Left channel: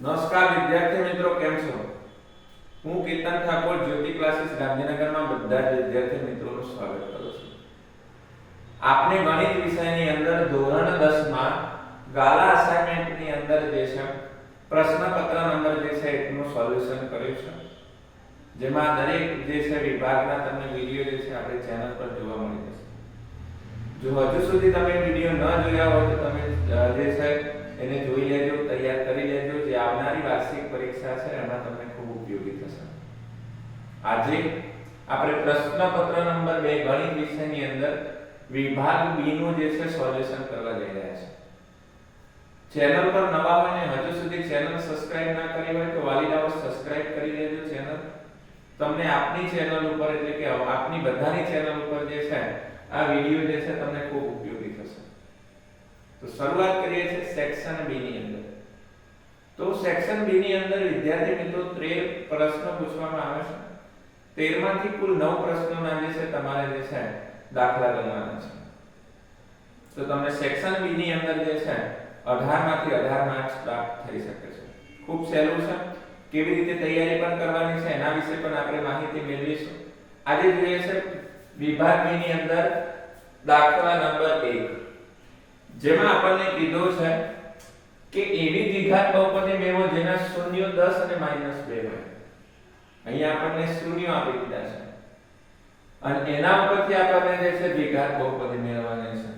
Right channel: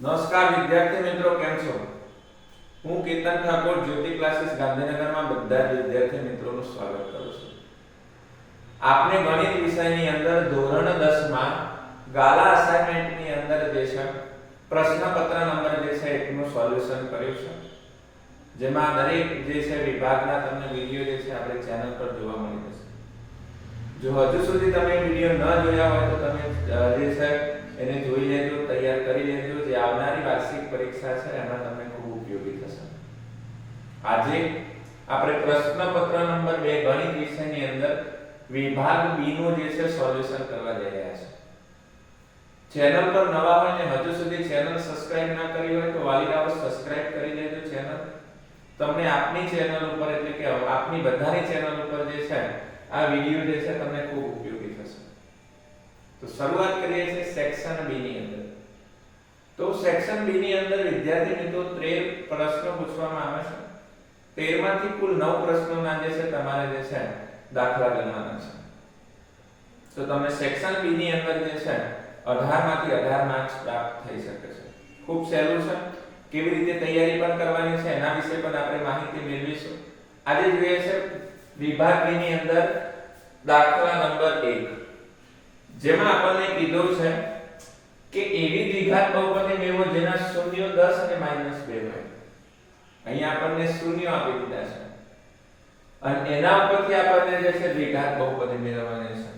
નમસ્કાર વિદ્યાર્થી મિત્રો, કેમ છો? હું કેતન ઠાકોર જ્યોતિ ક્લાસીસ ગાંધીનગરમાં બધા જ વિદ્યાર્થી મિત્રોનું સ્વાગત કરું છું. આપને ગણિત વિષયની અંદર ધોરણ 10 માં ગાલા અસાઇનમેન્ટની અંદર જે છે પ્રશ્નપત્ર નંબર જે છે એનું સોલ્યુશન કર્યું છે, જેમાં દરેક જે છે વિભાગના તમને વિડિયો જે છે આપણે ચેનલ પર જોવા મળી જશે. જો હજુ સુધી તમે વિડિયો ન જોયા હોય તો તમે જે છે એને જોઈ લેજો, તૈયાર કરી લેજો. જે આવનારી વાર્ષિક પરીક્ષા છે એમાં તમને ખૂબ ઉપયોગી થશે. આજે આપણે પ્રશ્નપત્ર નંબર 2 ગણિત વિષયની અંદર વિભાગ બી નું જે છે સોલ્યુશન કરવા જઈ રહ્યા છે. ચેનલ પર નવા હોય ને હજુ સુધી ચેનલ સબસ્ક્રાઇબ ના કરી હોય તો વાલીડાઓ સબસ્ક્રાઇબ કરી લેજો ચેનલ. તમને આપની ચેનલ ઉપર એટલે કે આપની બધાની ચેનલ ઉપર જે છે આ વિડિયો જે છે તમને ખૂબ ઉપયોગી થશે. તો શરૂઆત કરીએ છીએ સેક્શન બી ની અંદર. તો સેક્શન બી ની અંદર વિદ્યાર્થી મિત્રો 13 પ્રશ્નો પૂછવામાં આવે છે. 13 માંથી કુલ 9 પ્રશ્નોના જે છે તમારે જે છે દાખલા ગણવાના છે. તો તમને સેક્શન બી ની અંદર જે છે 18 માંથી 18 માર્ક્સ પ્રાપ્ત થઈ શકે છે. ખૂબ સહેલું છે. કેવી રીતે તૈયારી પણ કરવાની છે એના વિશે પણ આપણે માહિતી મેળવીશું. આજે જોઈએ છે વિભાગ બી ની અંદર દાખલા નંબર 1, જેમાં આપણને કીધું છે કે એવી દ્વિઘાત બહુપદી મેળવો જેના શૂન્યો 10 અને -2 હોય. અહીંયા આપણને શૂન્યો આપી દીધા છે અને એના ઉપરથી આપણને જે છે દ્વિઘાત બહુપદી મેળવવાની છે.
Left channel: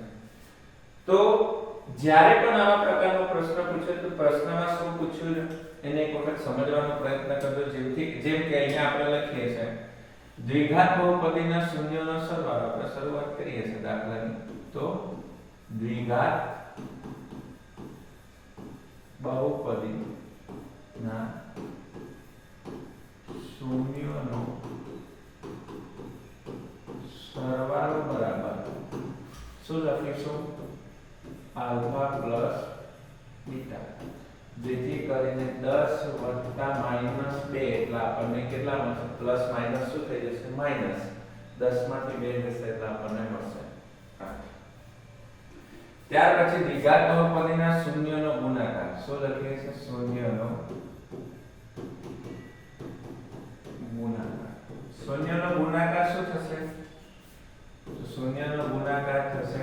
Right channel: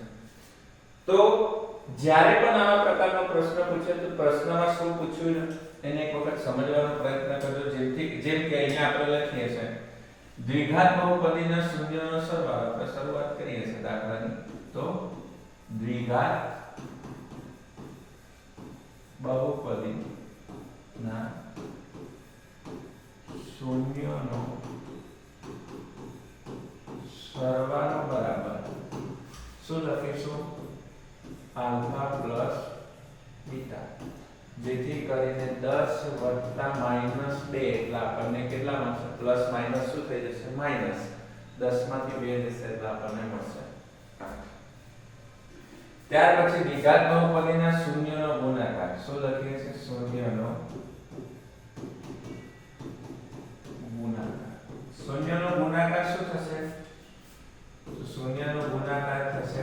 તો જ્યારે પણ આવા પ્રકારનો પ્રશ્ન પૂછે તો પ્રશ્નમાં શું પૂછ્યું છે એને એક વખત સમજવાનો પ્રયત્ન કરજો. જેમ કે અહીંયા આપણે લખીએ છે દ્વિઘાત બહુપદીના શૂન્યોનો સરવાળો. આપણે શરૂઆત કરીએ છીએ દાખલાની. તો દ્વિઘાત બહુપદીના શૂન્યોનો સરવાળો બરાબર શું લખીશું? Alpha plus beta. જેથી કરીને 10 વત્તા -2 એટલે આપણને કેટલા મળશે? પ્લસ માઈનસ શું થઈ જશે? માઈનસ. 10 માંથી 2 જશે એટલે આપણને મળશે 8. ત્યાર પછી દ્વિઘાત બહુપદીના શૂન્યનો ગુણાકાર. શું લખીએ છીએ? શૂન્યનો ગુણાકાર. શૂન્યનો ગુણાકાર શું થશે? તો શૂન્યનો ગુણાકાર થશે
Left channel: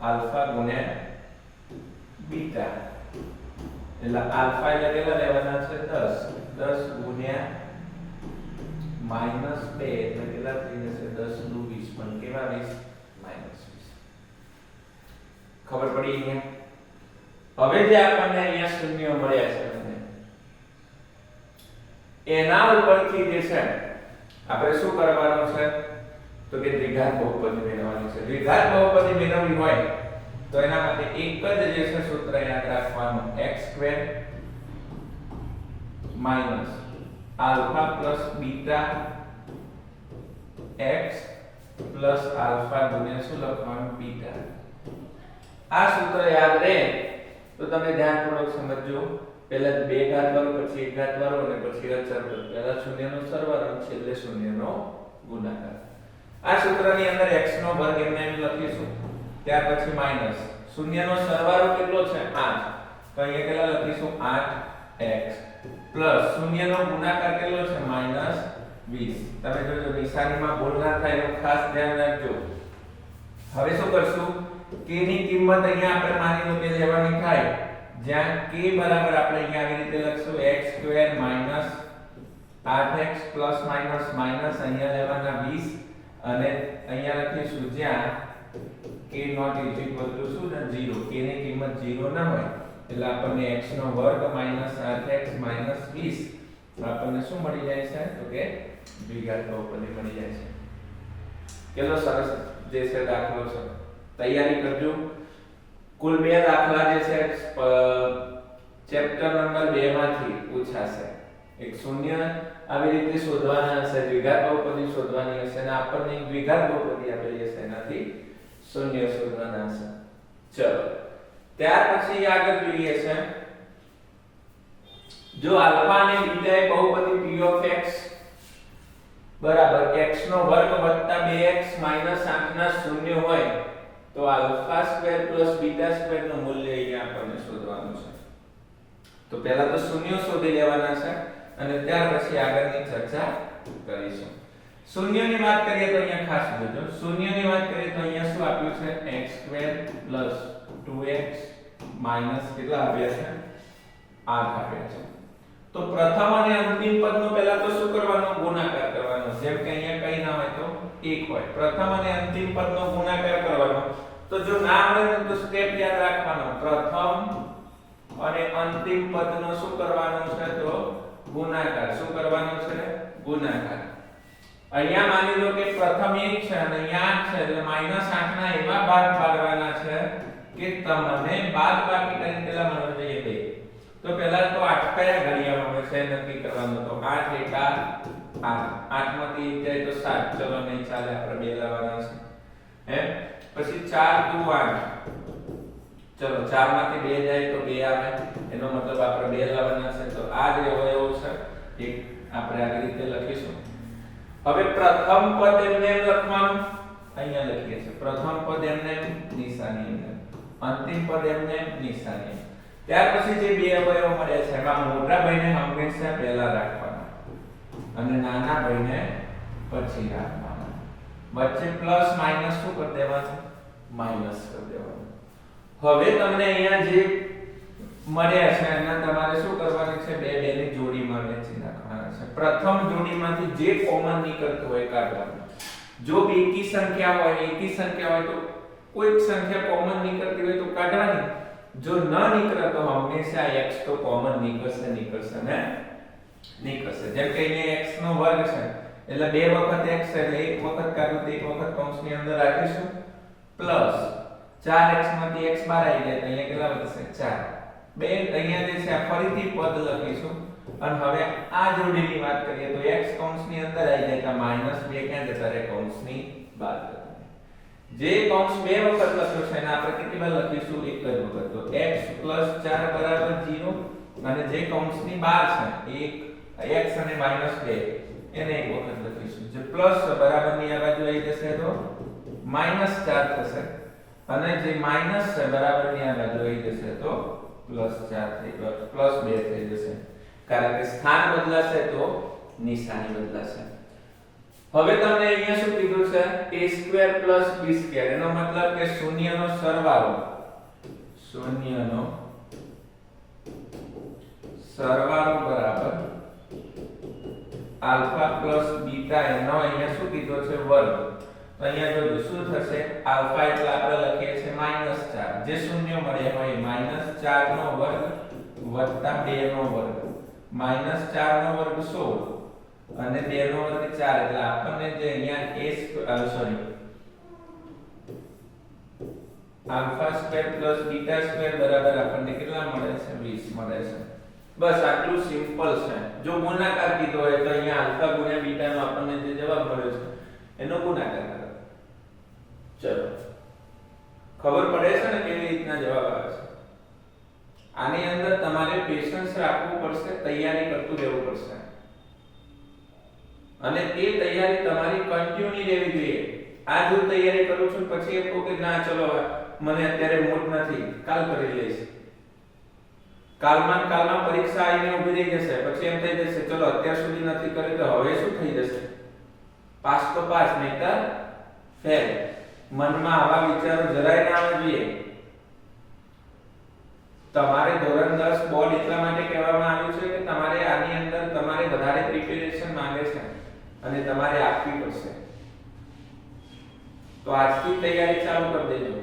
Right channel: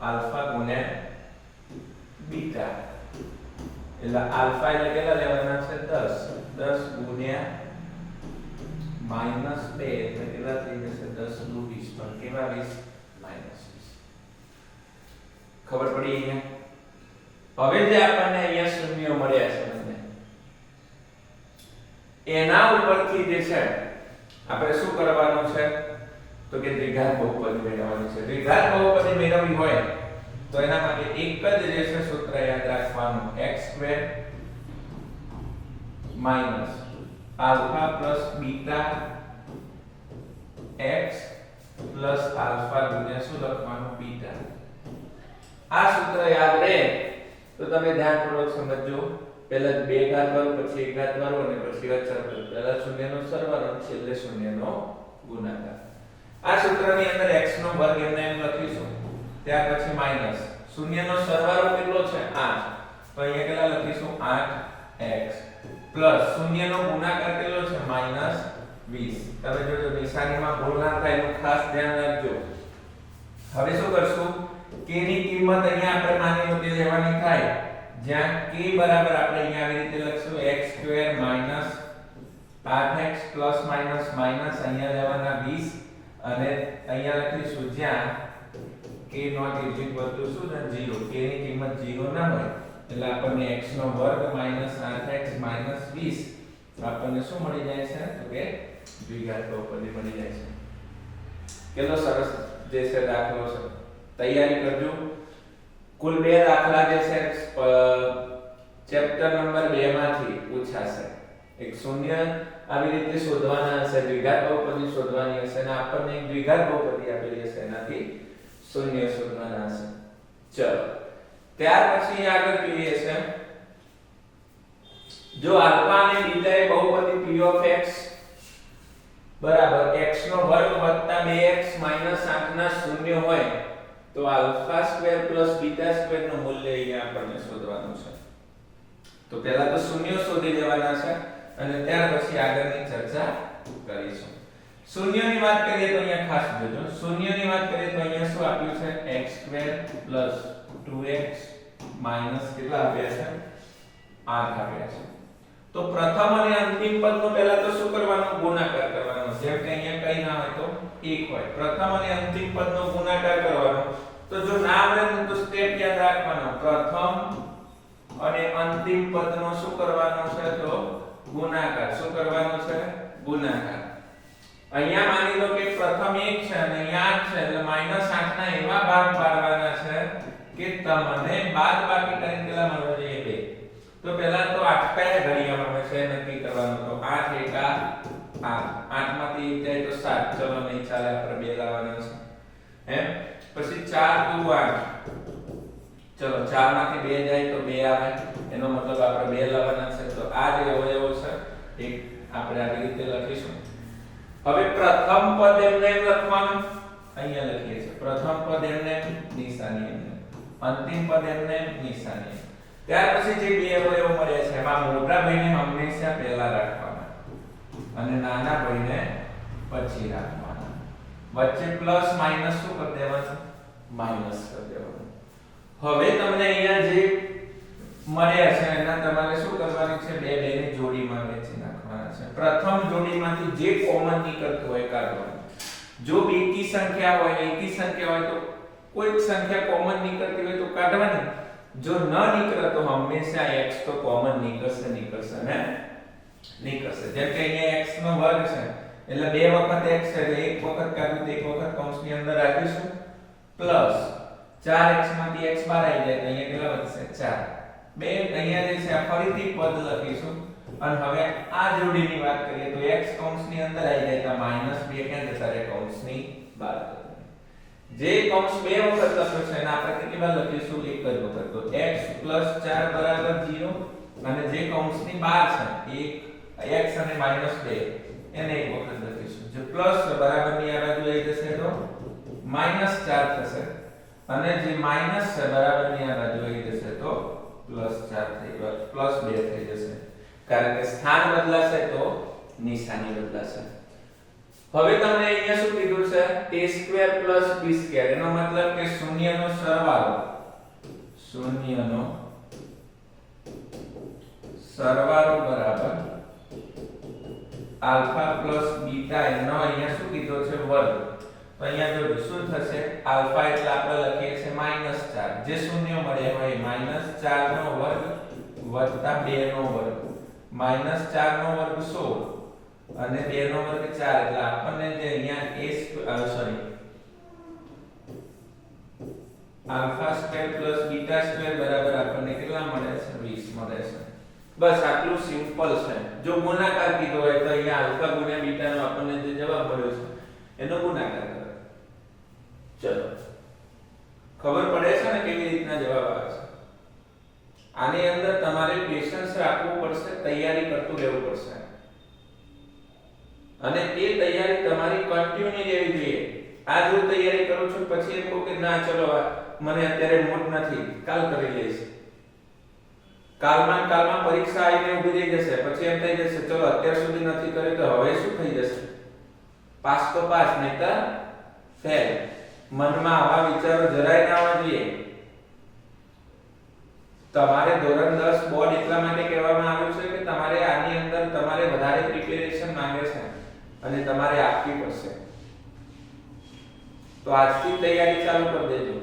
આલ્ફા ગુણ્યા બીટા. એટલે આલ્ફા એટલે કેટલા લેવાના છે? 10. 10 ગુણ્યા -2 એટલે કેટલા થઈ જશે? 10 દુ 20. પણ કેવા 20? -20. ખબર પડી અહીંયા? હવે જે આપણને અહીંયા શૂન્યો મળ્યા છે એના ઉપરથી જે છે આપણે શું કરવાનું છે? તો કે દ્વિઘાત બહુપદી મેળવવાની છે. દ્વિઘાત બહુપદી મેળવવી હોય તો એના માટે એક જ જે છે સૂત્ર યાદ રાખવાનું, x² alpha plus beta x plus alpha ગુણ્યા શું લખવાનું? બીટા. આ સૂત્ર યાદ રહે તો તમે ધ્યાનપૂર્વક સમજજો. પહેલા 2 ઘાત વાળું, પછી 1 ઘાત વાળું અને પછી અચળ પદ. પહેલા શૂન્યનો સરવાળો અને છેલ્લે શૂન્યનો ગુણાકાર. આ સૂત્રની અંદર x નો વર્ગ એમને એમ લખીશું. ત્યાર પછી માઈનસ શૂન્યનો સરવાળો કેટલો છે? 8. તો અહીંયા કેટલા લખીશું? 8x પ્લસ શૂન્યનો ગુણાકાર કેટલો છે? -20. તમે જોજો નિશાનીમાં ભૂલ ના થાય એનું ખાસ ધ્યાન રાખજો. હવે શું કરશું? k ની કિંમત અહીંયા આપણે માની લો કે લેવાની થાય જ્યાં k બરાબર આપણે અહીંયા આવી રીતે લખશું x² - 8x plus minus minus અહીંયા લેવાના 20 અને અહીંયા લખીશું જ્યાં k not is equal to શું છે? 0. k ની કિંમત 0 ના હોય એટલે આપણને x નો વર્ગ - 8x - 20 આપણને શું મળી જાય છે? તો કે દ્વિઘાત બહુપદી મળી જાય છે. કેટલો સરસ જે છે દાખલો છે. તૈયારી કરજો. કુલ 2 દાખલા જે છે ચેપ્ટર નંબર 2 માંથી પૂછાશે. એક શૂન્ય આવી રીતે શોધવાના હશે, દ્વિઘાત બહુપદી શોધવાની હશે અને આપણને એક દ્વિઘાત બહુપદી આપેલી હશે એનાથી શૂન્ય શોધવાના હશે. ચલો ત્યાર પછી આગળ જોઈએ છે જો આલ્ફા અને બીટા એ બહુપદી p of x બરાબર x નો વર્ગ વત્તા 2x માઈનસ 8 ના શૂન્ય હોય તો alpha square plus beta square નું મૂલ્ય અહીંયા આપણને શોધવાનું છે. તો પહેલા તો શૂન્ય શોધી લેવાના છે અને ત્યાર પછી આગળની ચર્ચા કરીશું. શૂન્યની વાત કરીએ તો અહીંયા ખાસ જોજો. શૂન્યની વાત કરીએ તો અહીંયા શું આપ્યું છે? x² + 2x - કેટલા આપ્યા છે? 8 આપ્યા છે. તો પ્રથમ અને અંતિમ પદનો પહેલા તો શું કરવાનો? ગુણાકાર કરવાનો. જેમ કે અહીંયા કઈ ના હોય તો 1 હોય. પ્રથમ અને અંતિમ પદનો ગુણાકાર કરવાનો. તો જો ના આવડે તો સ્ટેપ યાદ રાખવાનો. પ્રથમ અને અંતિમ પદનો શું કરવાનો છે? તો ગુણાકાર. શું કરવાનો છે? ગુણાકાર. અહીંયા માની લો કે પ્રથમ 1 છે અને અહીંયા 8 છે એટલે -8 ના એવા ભાગ પાડવાના છે કે તમને બાદબાકી કરીને કેટલા મળવા જોઈએ? 2. તો પહેલા તો 8 કયા ઘડિયામાં છે નક્કી કરવાનું. તો 8 × 8 8 માંથી 1 જાય તો 7. ચલો નહીં ચાલે, આપણે 2 લાવવાના છે. એમ પછી 4 × 8. ચલો 4 માંથી 2 જાય તો 2 આવે. એનો મતલબ આપણે 2 લાવવાના છે. તો આ જે અવયવો છે એક આપણે આવી રીતે લખીશું. હવે પ્રથમ પદ એમને લખવાનું. અહીંયા લખીએ છીએ પ્રથમ પદ એમને નિશાની અંદર, અંતિમ પદ એમને નિશાની. ત્યાર પછી જે બે અવયવો મળ્યા છે એમાં મોટા ભાઈને હંમેશા પહેલા રાખવાના અને નાના ભાઈને પછી રાખવાના. વચ્ચે પ્લસ માઈનસ શું કરી દેવાનું? માઈનસ કરી દેવાનું. હવે તમને અહીંયા જે મળ્યા છે એના તમારે શું કરવાનું છે? બે ની જોડીમાં વહેંચી નાખવાના છે. પ્રથમ જોડીમાંથી જે કોમન નીકળતું હોય કાઢવાનું. જો બેકી સંખ્યા હોય, એકી સંખ્યા હોય તો કોઈક સંખ્યા કોમન નીકળતી હોય તો કાઢવાની. જો ન નીકળે તો હંમેશા x તો કોમન નીકળશે ને નીકળશે. જેમ કે અહીંયા x નો વર્ગ છે એટલે બે વખત x છે એટલે એક વખત કાઢું તો એક વખત કૌંસની અંદર રાખીશું પ્લસ 4x માંથી x બહાર આવી જાય તો અહીંયા કેટલા વધશે? 4. બે અહીંયા જે છે આ ફરીથી પદ લખીશું અને હવે આ જોડીની વાત કરીએ તો x કૌંસની અંદર આવી જાય તો -2 ક્યાં જતા રહે? કૌંસની બહાર. જે કૌંસ બે વખત લખ્યો છે એને આપણે કેટલી વાર લખીશું? એક જ વખત. તો x + 4 = 0 અને જે કૌંસની બહાર છે એક x અને -2 એને એક વખત લખીશું. જે પ્લસ બરાબરની આ બાજુ આવી જશે તો -4 થશે અને જે માઈનસ છે બરાબરની આ બાજુ આવી જશે તો +4 થઈ ગયો, +2 થઈ જશે. કારણ કે સ્થાન બદલાશે તો નિશાની બદલાશે. હવે તમને અહીંયા શું કીધું છે? a² + b². એનો મતલબ કે શૂન્યનો સરવાળો બરાબર આલ્ફા પ્લસ બીટા એનો અહીંયા શું કીધો છે? વર્ગ. તો અહીંયા જોજો શું થશે? આલ્ફા એટલે આપણે લખીએ છીએ -4. જે શૂન્ય મળે હોય -4 નો વર્ગ વત્તા 2 નો વર્ગ. -4 નો વર્ગ 16 અને 2 નો વર્ગ 4 એટલે આપણને જે અહીંયા α² + β² બરાબર આપણને કેટલા મળે છે? 20 મળે છે. બસ આટલું સિમ્પલ છે. જો ગુણાકાર કીધો હોય તો અહીંયા આલ્ફા ગુણ્યા બીટા નો આપણને જે જવાબ મળ્યો છે એનો ગુણાકાર કરો. ચલો ખબર પડે છે ને કેવી રીતના જવાબ આવે છે? આની અંદર તમારે પેશન્સ રાખવું પડશે, તૈયારી કરતું રહેવું પડશે અને તે તૈયારી તમારી કન્ટિન્યુ રહેવી જોઈએ. આ જો તૈયારી કરું છું પછી એમ કહું કે ના ચલો મને અત્યારે મૂડ નથી, કાલ કરી લઈશ. કાલમાં પરીક્ષા આવીને ઊભી રહી જશે. પછી એમ થઈ જશે ચલો અત્યાર સુધી નથી કર્યું તો હવે શું થઈ જશે? પાસ તો પાસ, નહીતર ફેલ. મનમાં આવા વિચારો જરાય ના આવવા જોઈએ. તમારે ધોરણ 10 બોર્ડ એટલા માટે કહેવામાં આવ્યું છે કે તમારે આની અંદર તમારે વધારે પ્રિપેરેશન માંગે છે અને તમારે આપવી પડશે. તો આજથી તૈયારી ચાલુ કરી દેજો.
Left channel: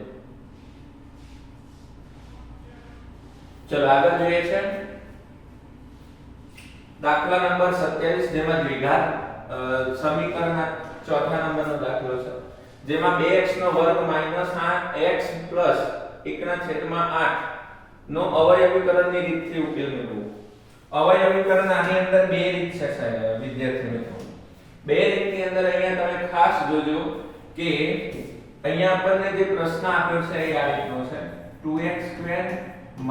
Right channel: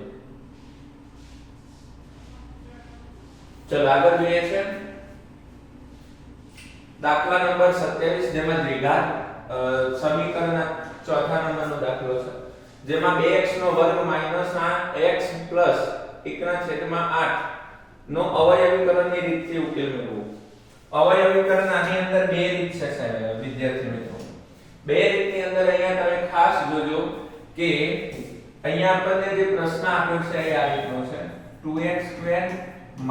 ચલો આગળ જોઈએ છે દાખલા નંબર 27 જેમાં દ્વિઘાત સમીકરણના ચોથા નંબરનો દાખલો છે જેમાં 2x નો વર્ગ -8x + 1/8 નો અવયવીકરણની રીતથી ઉકેલ મેળવો. અવયવીકરણ આની અંદર બે રીત છે વિદ્યાર્થી મિત્રો. બે રીતની અંદર અહીંયા તમે ખાસ જોજો કે અહીંયા આપણને જે પ્રશ્ન આપ્યો છે એ આ રીતનો છે 2x² -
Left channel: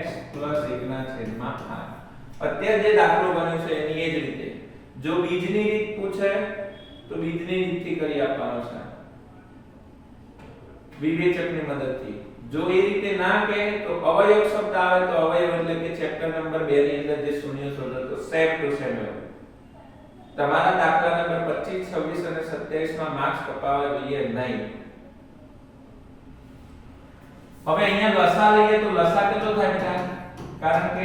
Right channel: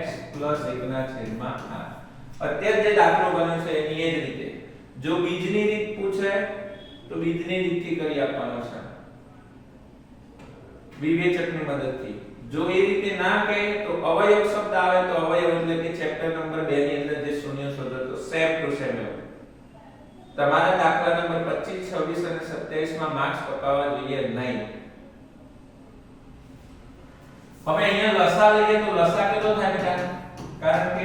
x + 1/8. અત્યારે જે દાખલો બન્યો છે એની એ જ રીતે જો બીજની રીત પૂછે તો બીજની રીતથી કરી આપવાનો છે વિવેચકની મદદથી. જો એ રીતે ના કહે તો અવયવ શબ્દ આવે તો અવયવ એટલે કે ચેપ્ટર નંબર 2 ની અંદર જે શૂન્ય શોધો તો સેમ ટુ સેમ. તમારા દાખલા નંબર 25, 26 અને 27 માં માર્ક્સ કપાવવા જોઈએ નહીં. હવે અહીંયા લસા લઈએ તો લસા કેટલો થાય બેટા? કારણ કે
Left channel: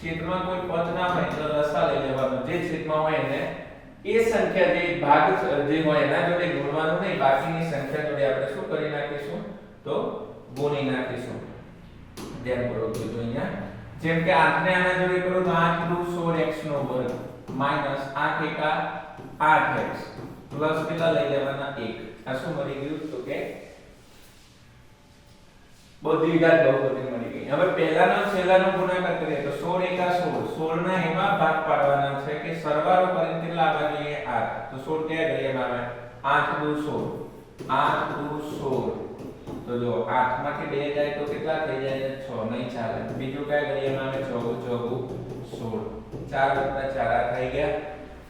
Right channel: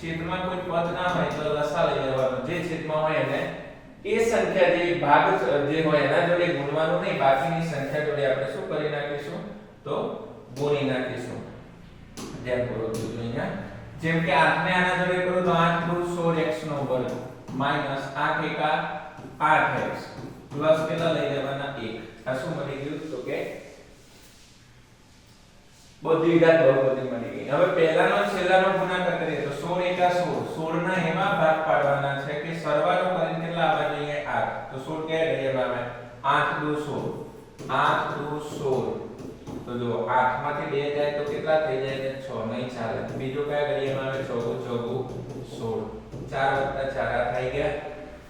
છેદમાં કોઈ પદ ના હોય તો લસા લઈ લેવાનો. જે છેદમાં હોય એને એ સંખ્યા જે ભાગ જે હોય એના જોડે ગુણવાનું નહીં, બાકીની સંખ્યા જોડે આપણે શું કરી નાખીશું તો ગુણી નાખીશું. ધ્યાનપૂર્વક જોજો અહીંયા. જેમ કે 8 ને આના જોડે કરો તો 8 * 16x નો વર્ગ માઈનસ 8 * 8x પ્લસ કેટલા લઈ લેવાના 1. આ શું મળી ગયું તો કે બધી ઘાત બહુપદી મળી ગઈ. હવે પહેલાનો છેલ્લાનો ગુણાકાર કરીએ તો 16 * 16 16 ના એમાં ભાગ પાડવાના છે કે સરવાળો કરીને કેટલા આવવા જોઈએ 8. તો 16 ક્યાં ઘડિયામાં આવે 8 * 16 8 * 16 તો જો 8 માંથી 2 જાય તો કેટલા થઈ જાય 6 નહીં ચાલે. બીજો કયા ઘડિયામાં આવે 14 4 + 4 થઈ ગયા.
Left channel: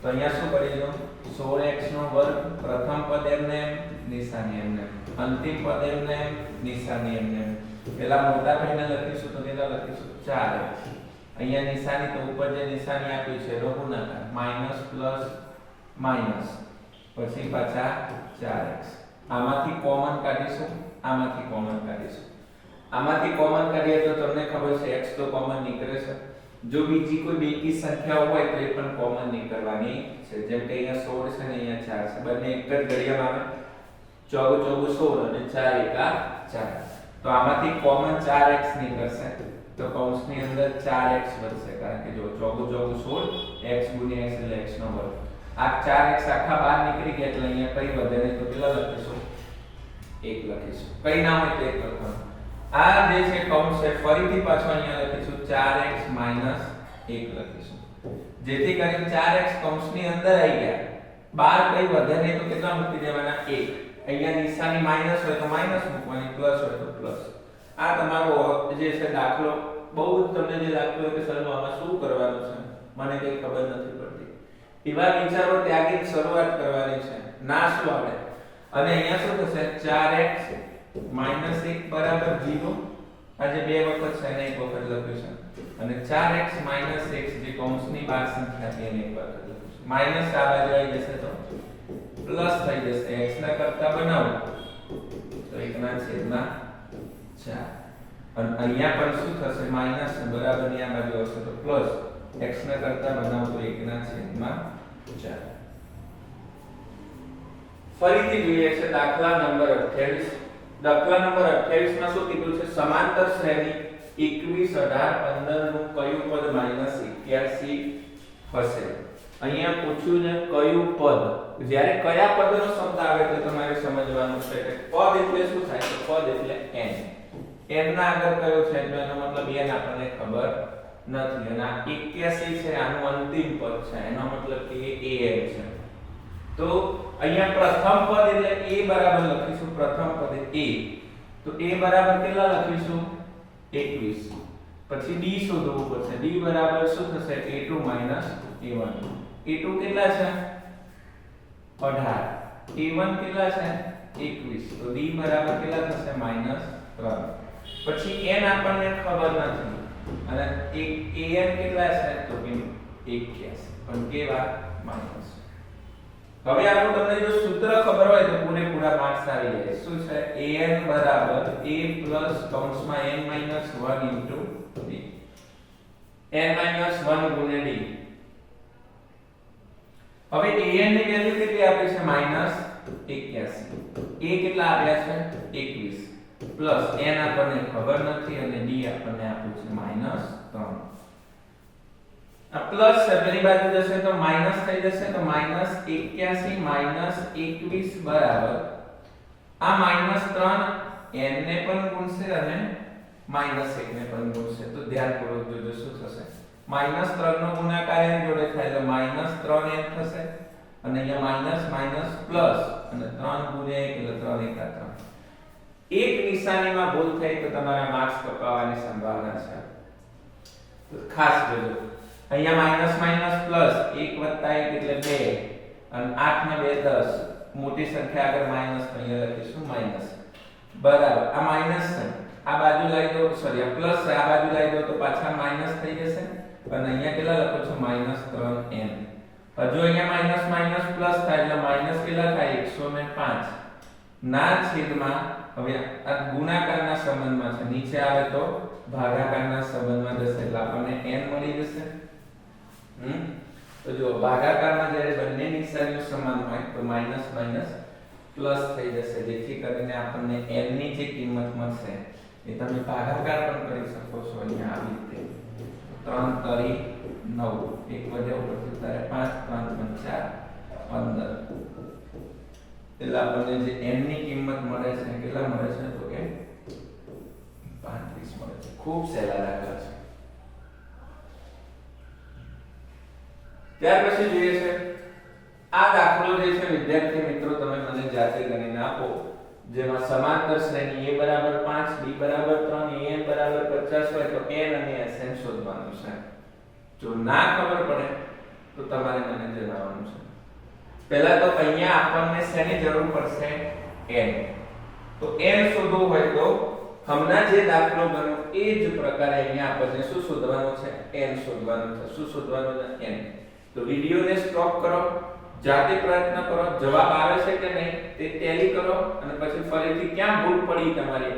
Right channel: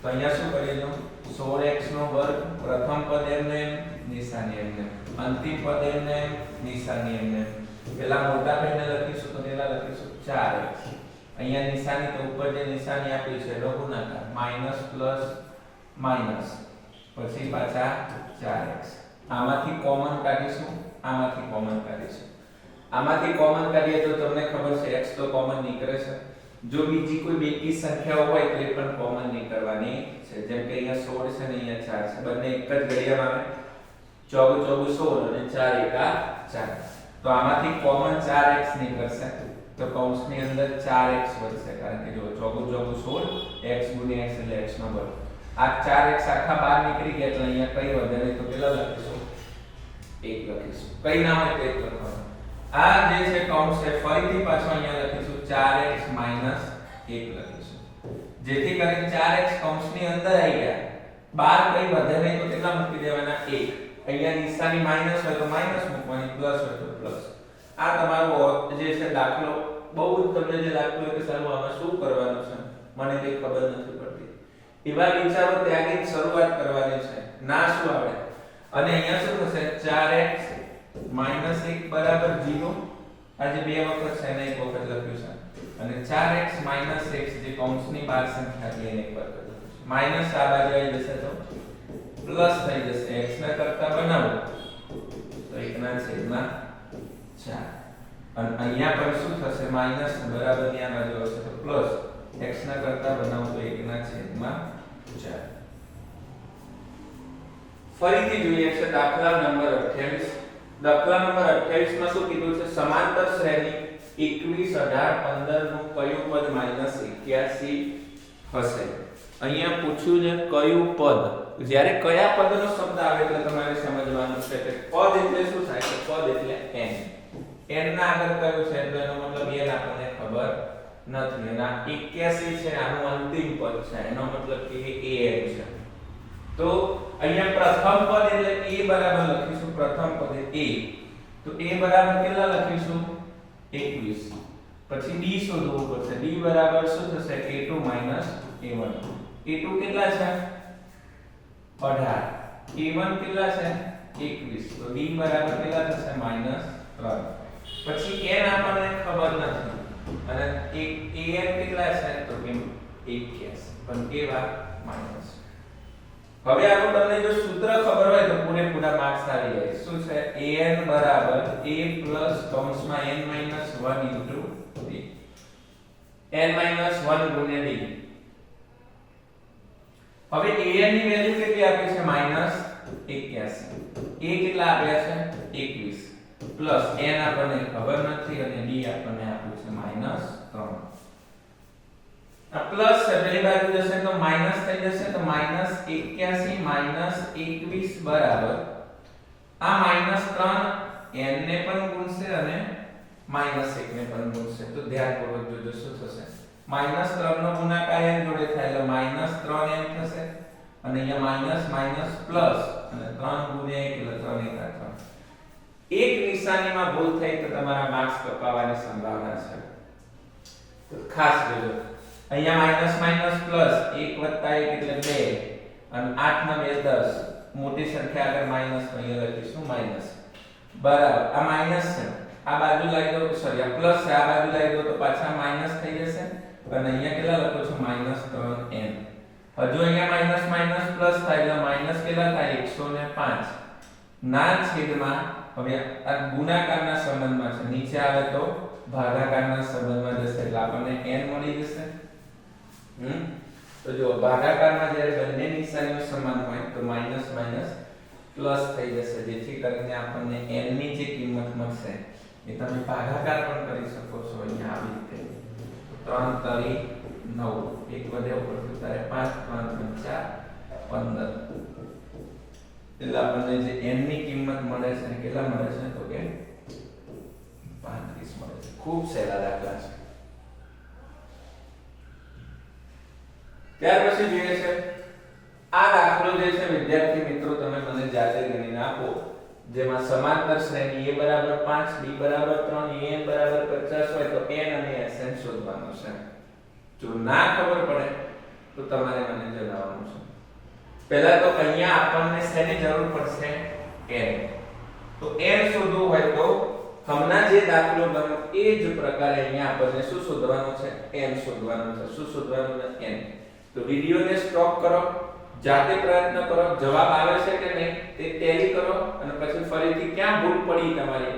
તો અહીંયા શું કરીએ તો 16x નો વર્ગ પ્રથમ પદ એમને નિશાની એમને અંતિમ પદ એમને નિશાની એમને પેલા મોટા થઈને લખીશું તો કેટલા લખીશું 4x. અહીંયા નિશાની તો ઉપર જે નિશાની આપી છે એનો ગુણાકાર માઈનસ પ્લસ માઈનસ પછી પાછા 4x. આમાંથી કોમન કાઢીશું આમાંથી કોમન કાઢીશું. આમાંથી કોમન કાઢીએ તો તમને ખબર છે x તો કોમન નીકળે છે. જો બીજી કોઈ બેકી સંખ્યાઓ હોય તો એ પણ કોમન નીકળવાની છે. જેમ કે અહીંયા 16 છે ને અહીંયા 4 છે. બંને એક જ ઘડિયામાં આવે 14 * 16 અને 4 * 4. તો આમાંથી કોમન 4x નીકળશે તો કૌંસની અંદર 4x વધશે કારણ કે જો 14 * 16 x * x એટલે x નો વર્ગ. આ 4x આખા બહાર નીકળી ગયા એટલે અહીંયા કઈ વધે નહીં તો કેટલા લખીશું 1 લખીશું. કઈ ના હોય તો 1 લખવાનું. આ જે છે કૌંસ છે ફરીથી પાછો અહીંયા લખીશું 4x - 1 લખીશું. જેથી કરીને 4x કૌંસની અંદર આવી ગયા બહાર કઈ વધે નહીં તો કેટલા મૂકી દેવાના 1. અહીંયા નિશાની માઈનસ હોય તો માઈનસ મૂકવાની, પ્લસ હોય તો પ્લસ. આ તમારો જે છે દાખલો બહુ તમને જે લાગતું હોય કે સર આમાં શું કરવાનું છે મને કઈ ખબર નથી પડતી એવા વિચારો ત્યાગી શરૂઆત કરવાની છે. ના શું આવે અને અહીંયા શું થશે 4x - 1 = 0. આ જે બે વખત છે એને એક વખત લખ્યું છે અને 4x - x જે કૌંસની બહાર સંખ્યા છે એને એક વખત લખ્યું છે. માઈનસ આ બાજુ આવી જશે તો પ્લસ થઈ જશે. x ના કરતા બનાવો તો 1/4 અને અહીંયા પણ શું થશે માઈનસ બરાબર ની આ બાજુ આવશે તો પ્લસ x ના કરતા બનાવો તો 1/4. ફરીથી જોઈએ છે દાખલા નંબર 28. દાખલા નંબર 28 માં શું કીધું છે સમાંતર શ્રેણી 21 18 15 નું કયું પદ -81 હશે. અહીંયા પૂછ્યું છે કયું પદ. જ્યારે કયા પદનો શબ્દ આવે તો તમારે સમજવાનું છે કે પદ એટલે શું થાય કે પદ એટલે n. n ના આગળ કયો છે તો એનો મતલબ n આપણને ખબર નથી. અને આ 81 છે આનું અંતિમ પદ છે એનો મતલબ કે એ an છે. તો અહીંયા પ્રથમ પદ એટલે a બરાબર લખીશું. પ્રથમ પદ a તો a બરાબર કેટલા લખીશું 21. પછી d શોધવું પડશે. d બરાબર શું થશે a2 - a1. a2 કેટલા છે 18. a1 કેટલા છે 21. તો d બરાબર કેટલા થશે -3. પછી n આપણને ખબર નથી અને an કેટલા છે તો કે 81 પણ કેવા માઈનસ. હવે આનું તમને જો સૂત્ર ખબર હોય તો પૂરેપૂરા માર્ક્સ આવી જાય. શું છે an બરાબર a પ્લસ કૌંસમાં n - 1 ઇન્ટુ d n - 1 ગુણ્યા d. હવે an ની વેલ્યુ કેટલી આપી છે -81. a કેટલા આપ્યા છે 21 પ્લસ n આપણને ખબર નથી અને d આપણને આપ્યું છે -3. આ પ્લસ છે પેલી બાજુ જશે તો માઈનસ થઈ જશે તો -81 - 21 બરાબર આ -3 n ને પણ ગુણશે અને -1 ને પણ ગુણશે. તો ધ્યાનપૂર્વક જોજો શું થશે -3 નો ગુણાકાર n જોડે થાય એટલે -3n થશે અને અહીંયા માઈનસ માઈનસ પ્લસ અને 3 ગુણ્યા 1 એટલે 3 * 3. એક નિશાનીમાં ભૂલ થઈ તો તમારા માર્ક્સ કપાવવાની સંભાવના છે. તો ખાસ જોજો અહીંયા માઈનસ માઈનસ પ્લસ 1 + 1 એટલે 2 અને 8 ના 2 10 મોટી સંખ્યા આગળ માઈનસ તો અહીંયા લખીશું માઈનસ બરાબર આ માઈનસ છે આ બાજુ લાવી દો, સોરી આ પ્લસ છે, આ બાજુ લાવી દો તો પાછા માઈનસ થઈ જશે અને અહીંયા કેટલા લખો છો -3n. હજુ અહીંયા માઈનસ માઈનસ પ્લસ થાય એટલે માઈનસ કેટલા થાય 105 ના છેદમાં, હવે આ ગુણાકારના સંબંધમાં છે, નીચે આવે તો ભાગાકારના સંબંધમાં જશે એટલે આપણને n મળી જશે. તો જો ભાગાકારમાં જ્યારે બંને નિશાનીઓ સમાન હોય તો માઈનસ માઈનસ પ્લસ થઈ જશે, જેથી કરીને આપણને n ની જે કિંમત મળશે એ તમે ભાગાકાર પણ કરી શકો છો. અહીંયા આવી રીતે 3 તરી 9, એક વધે ઉપરથી તારે 5 5 15 એટલે આપણને જે n ની કિંમત મળે છે કેટલા મળે છે તો કે 35 મળે છે. ખૂબ સહેલા દાખલા છે. ત્યાર પછી જોઈએ છે આ દાખલો જે છે વિદ્યાર્થી મિત્રો તમે મને જાતે ગણીને આપો, જેમાં સમાંતર શ્રેણી a બરાબર 5 b બરાબર 3 an બરાબર 50 હોય તો n અને sn શોધવાનું છે. જો ના ખબર પડે તો તમારે મને જણાવવાનું છે. પહેલા તો અહીંયા આપણને શેની જરૂર પડશે n. તો n શોધવું હોય તો હમણાં જે દાખલો ગણ્યો એ જ પ્રકારે અહીંયા આપણને શું શોધવાનું છે n શોધવાનું છે. શું શોધવાનું છે n. તો વિડિયોને સ્ટોપ કરો, જાતે પ્રયત્ન કરો, જવાબ આવે છે કે નહીં તે ટેલી કરો અને પછી ફરીથી ક્યાં ભૂલ પડી તમારી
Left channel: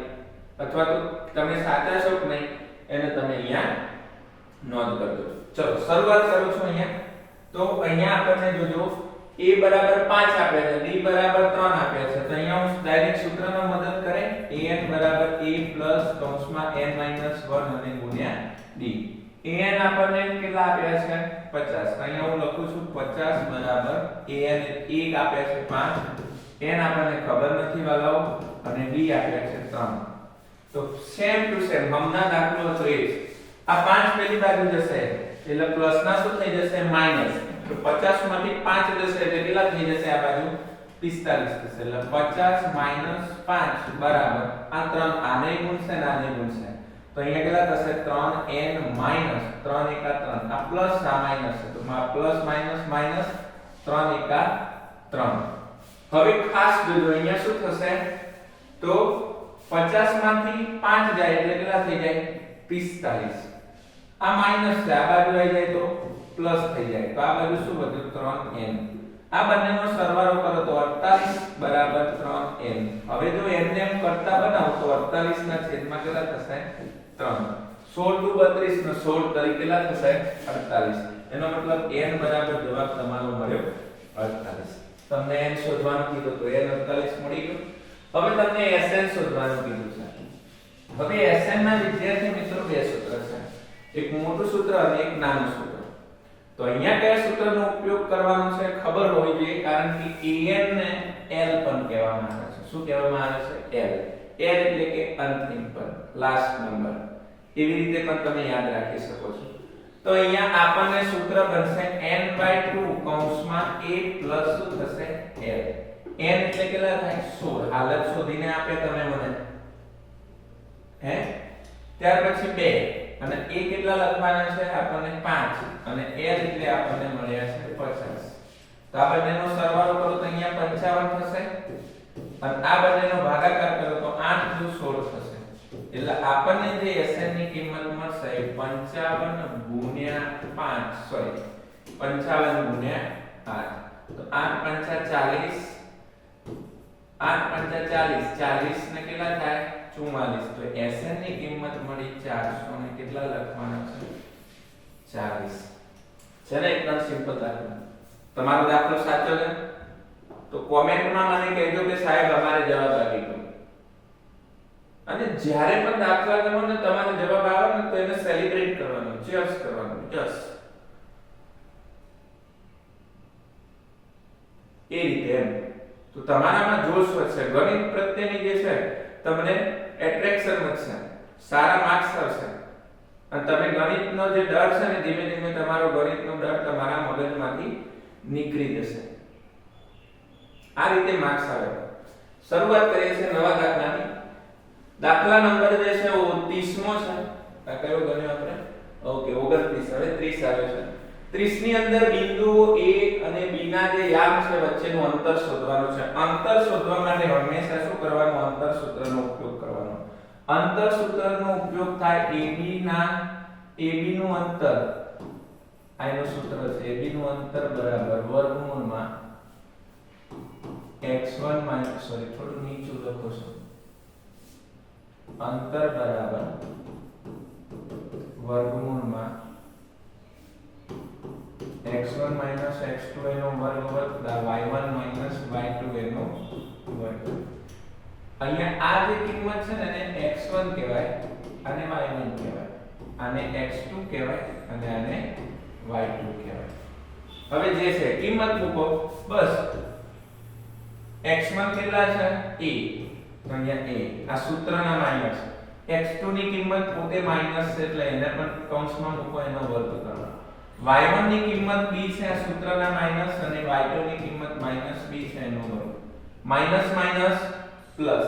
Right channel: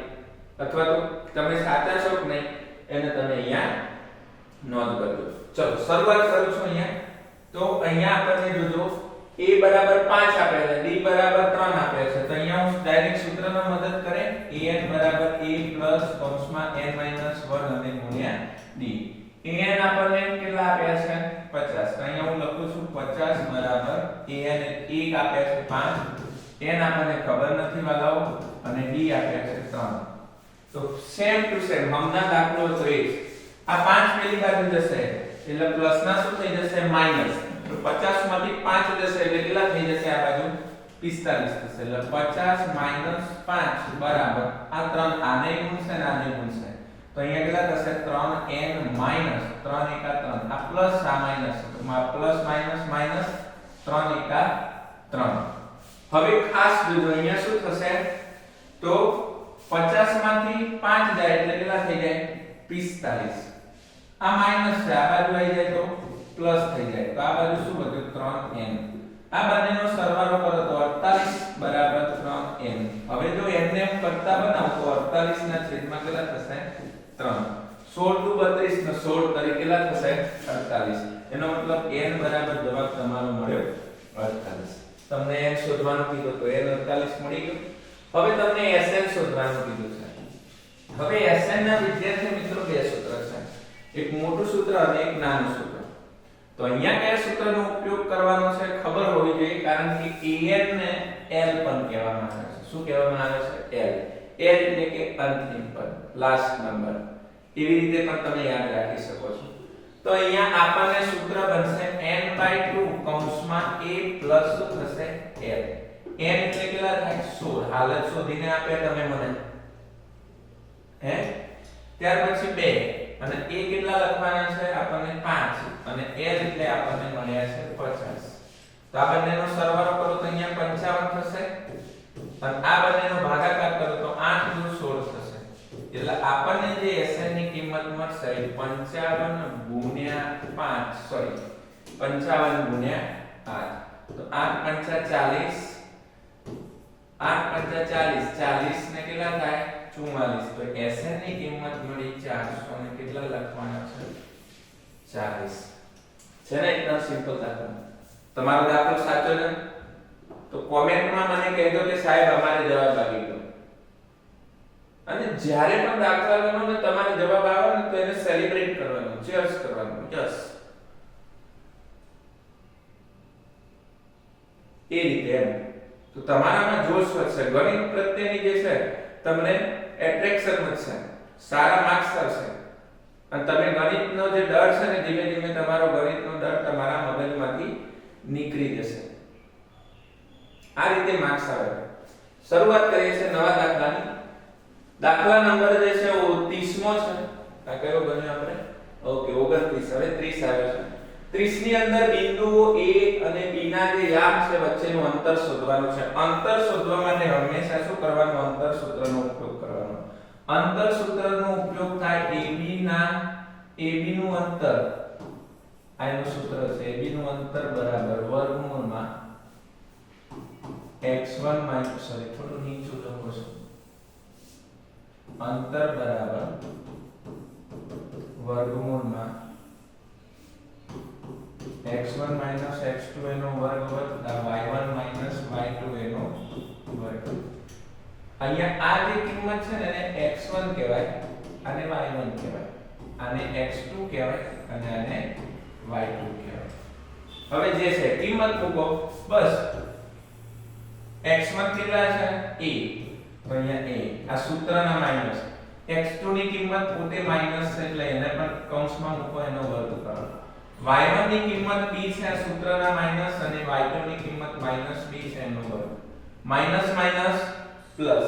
અથવા તો તમે સાચા છો કે નહીં એને તમે અહીંયા નોંધ કરજો. ચલો શરૂઆત કરું છું અહીંયા. તો અહીંયા આપણને જોજો a બરાબર 5 આપે છે, d બરાબર 3 આપે છે, તો અહીંયા હું ડાયરેક્ટ સૂત્રનો મદદ કરે an બરાબર a પ્લસ કૌંસમાં n માઈનસ 1 અને ગુણ્યા d. an આપણને કેટલા આપ્યા છે 50, તો અહીંયા હું લખું છું 50 બરાબર an 1 આપ્યા છે 5, n આપણને ખબર નથી વાલાઓ અને d આપ્યા છે 3. તો સેમ ટુ સેમ હમણાં દાખલો તો એ જ. આ 5 પેલી બાજુ જશે એટલે પ્લસ ના શું થઈ જશે માઈનસ. તો 50 માંથી 5 જશે એટલે કેટલા થઈ જશે આ બાજુ 45 થશે. એટલે 50 માઈનસ 5 બરાબર આ 3 આને ગુણશે અને આને ગુણશે તો અહીંયા કેટલા થશે 3n માઈનસ 3 એકા 3. આ પ્લસ આ માઈનસ તો પ્લસ માઈનસ માઈનસ 3 એકા 3. હવે ખાસ જોજો અહીંયા શું થશે તો 50 માંથી 5 જાય એટલે કેટલા થઈ જાય 45. આ માઈનસ છે, આ બાજુ આવી જાય તો પ્લસ થઈ જાય તો આ બાજુ શું વધ્યું 3n. આ બંનેનો સરવાળો કરો તો 48 બરાબર 3n. હવે જો n ને એમ કરતા બનાવો તો 48 ના છેદમાં કેટલા થશે 3. 16 * 32 નો 16 તરીકે કેટલા થશે 48. એનો મતલબ n બરાબર જવાબ તમારો મળ્યો 48. તમને n શોધવાનું કીધું તો n 48 મળી ગયું. હવે તમને sn શોધવાનું કીધું છે. હવે sn ના વિદ્યાર્થી મિત્રો બે સૂત્ર છે, એક મોટું સૂત્ર અને એક નાનું સૂત્ર. તો અહીંયા કયા સૂત્રનો ઉપયોગ કરવાનો છે ખબર હોવી જોઈએ, કારણ કે an ને l પણ કહેવામાં આવે છે. શું કહેવામાં આવે છે l. l એટલે કે અંતિમ પદ, લાસ્ટ નંબર. એવી રીતે પણ તમે યાદ રાખી શકો છો. તો અહીંયા આપણને સૂત્ર બનશે n/2 કૌંસમાં a પ્લસ શું થશે l. n એટલે કેટલા થાય 16. હાલત શોધીને આપે તમે મને હે. ત્યાર પછી 2 અને a કેટલા લખવાના છે આપણને 5 અને l એટલે આપણને મળ્યા છે 50. તો આ બંનેનો સરવાળો કરો તો અહીંયા 55 થશે અને આ બંનેનો ભાગાકાર કરો તો 8 * 16 થશે. એટલે આપણને જે sn ની કિંમત મળશે એ 55 ગુણ્યા 5 સોરી 55 ગુણ્યા 8. તો 8 * 5 = 40, 8 * 5 = 40, 40 ને કેટલા થાય 44. તો sn ની કિંમત મળી 400 અને કેટલા લખવાના છે 40. છે ને એકદમ સિમ્પલ દાખલો. તમારો દાખલો સાચો છે તો કોમેન્ટમાં મને કહેજો કે સાહેબ અમારે જવાબ આવી ગયો. અને જ્યારે પણ દાખલા ગણો ને તમારો જવાબ આવે ને તો એને સેલિબ્રેટ કરવાનો, ચીયર્સ કરવાનું. યસ એ રીતે એમ. તો તમારામાં જોશ વધશે, ગણિત પ્રત્યેની જે છે તમને એટ્રેક્શન વધશે, સારા માર્ક્સ આવશે અને તમે ગણિતનો જે ડર છે ને ધીમે ધીમે તમારો ગણિતનો ડર તમારા મગજમાંથી નીકળી જશે. આ રીતે માર્ક્સ આવે. શરૂઆત કરીએ છીએ નવા દાખલાની. દાખલા નંબર જે છે 30મો છે. આ કયો ગણ્યો આપણે? ઓકે 29. હવે 30 આવે છે. 30 ની અંદર બિંદુઓ a અને b ના જે યામ છે વચ્ચેનું અંતર શોધવાનું છે. અંતર શોધવા માટે હંમેશા શું કરવાનું? અંતર સૂત્રનો ઉપયોગ કરવાનો. અંતર સૂત્રનો ઉપયોગ થાય AB નું અંતર, આનું સૂત્ર છે AB નું અંતર બરાબર વર્ગમૂળમાં x1 થોડું નીચું લખો છો, અંતર બરાબર વર્ગમૂળમાં x1 x2 એનો વર્ગ વત્તા y1 y2 એનો વર્ગ. અહીંયા આ જે કિંમત છે ને એને x1 કહેવાય અને y1 કહેવાય, આને x2 કહેવાય અને આને y2 કહેવાય. હવે જે છે કિંમત મૂકો બસ. x1 કેટલા છે a, તો અહીંયા a આ સૂત્રના માઈનસ, x2 ની કિંમત પોતે માઈનસ છે એટલે એને પણ કૌંસમાં મૂકો, એનો વર્ગ કરો. y1 ની કિંમત b છે આ સૂત્રના માઈનસ અને y2 ની કિંમત માઈનસ b છે એનો વર્ગ. માઈનસ માઈનસ પ્લસ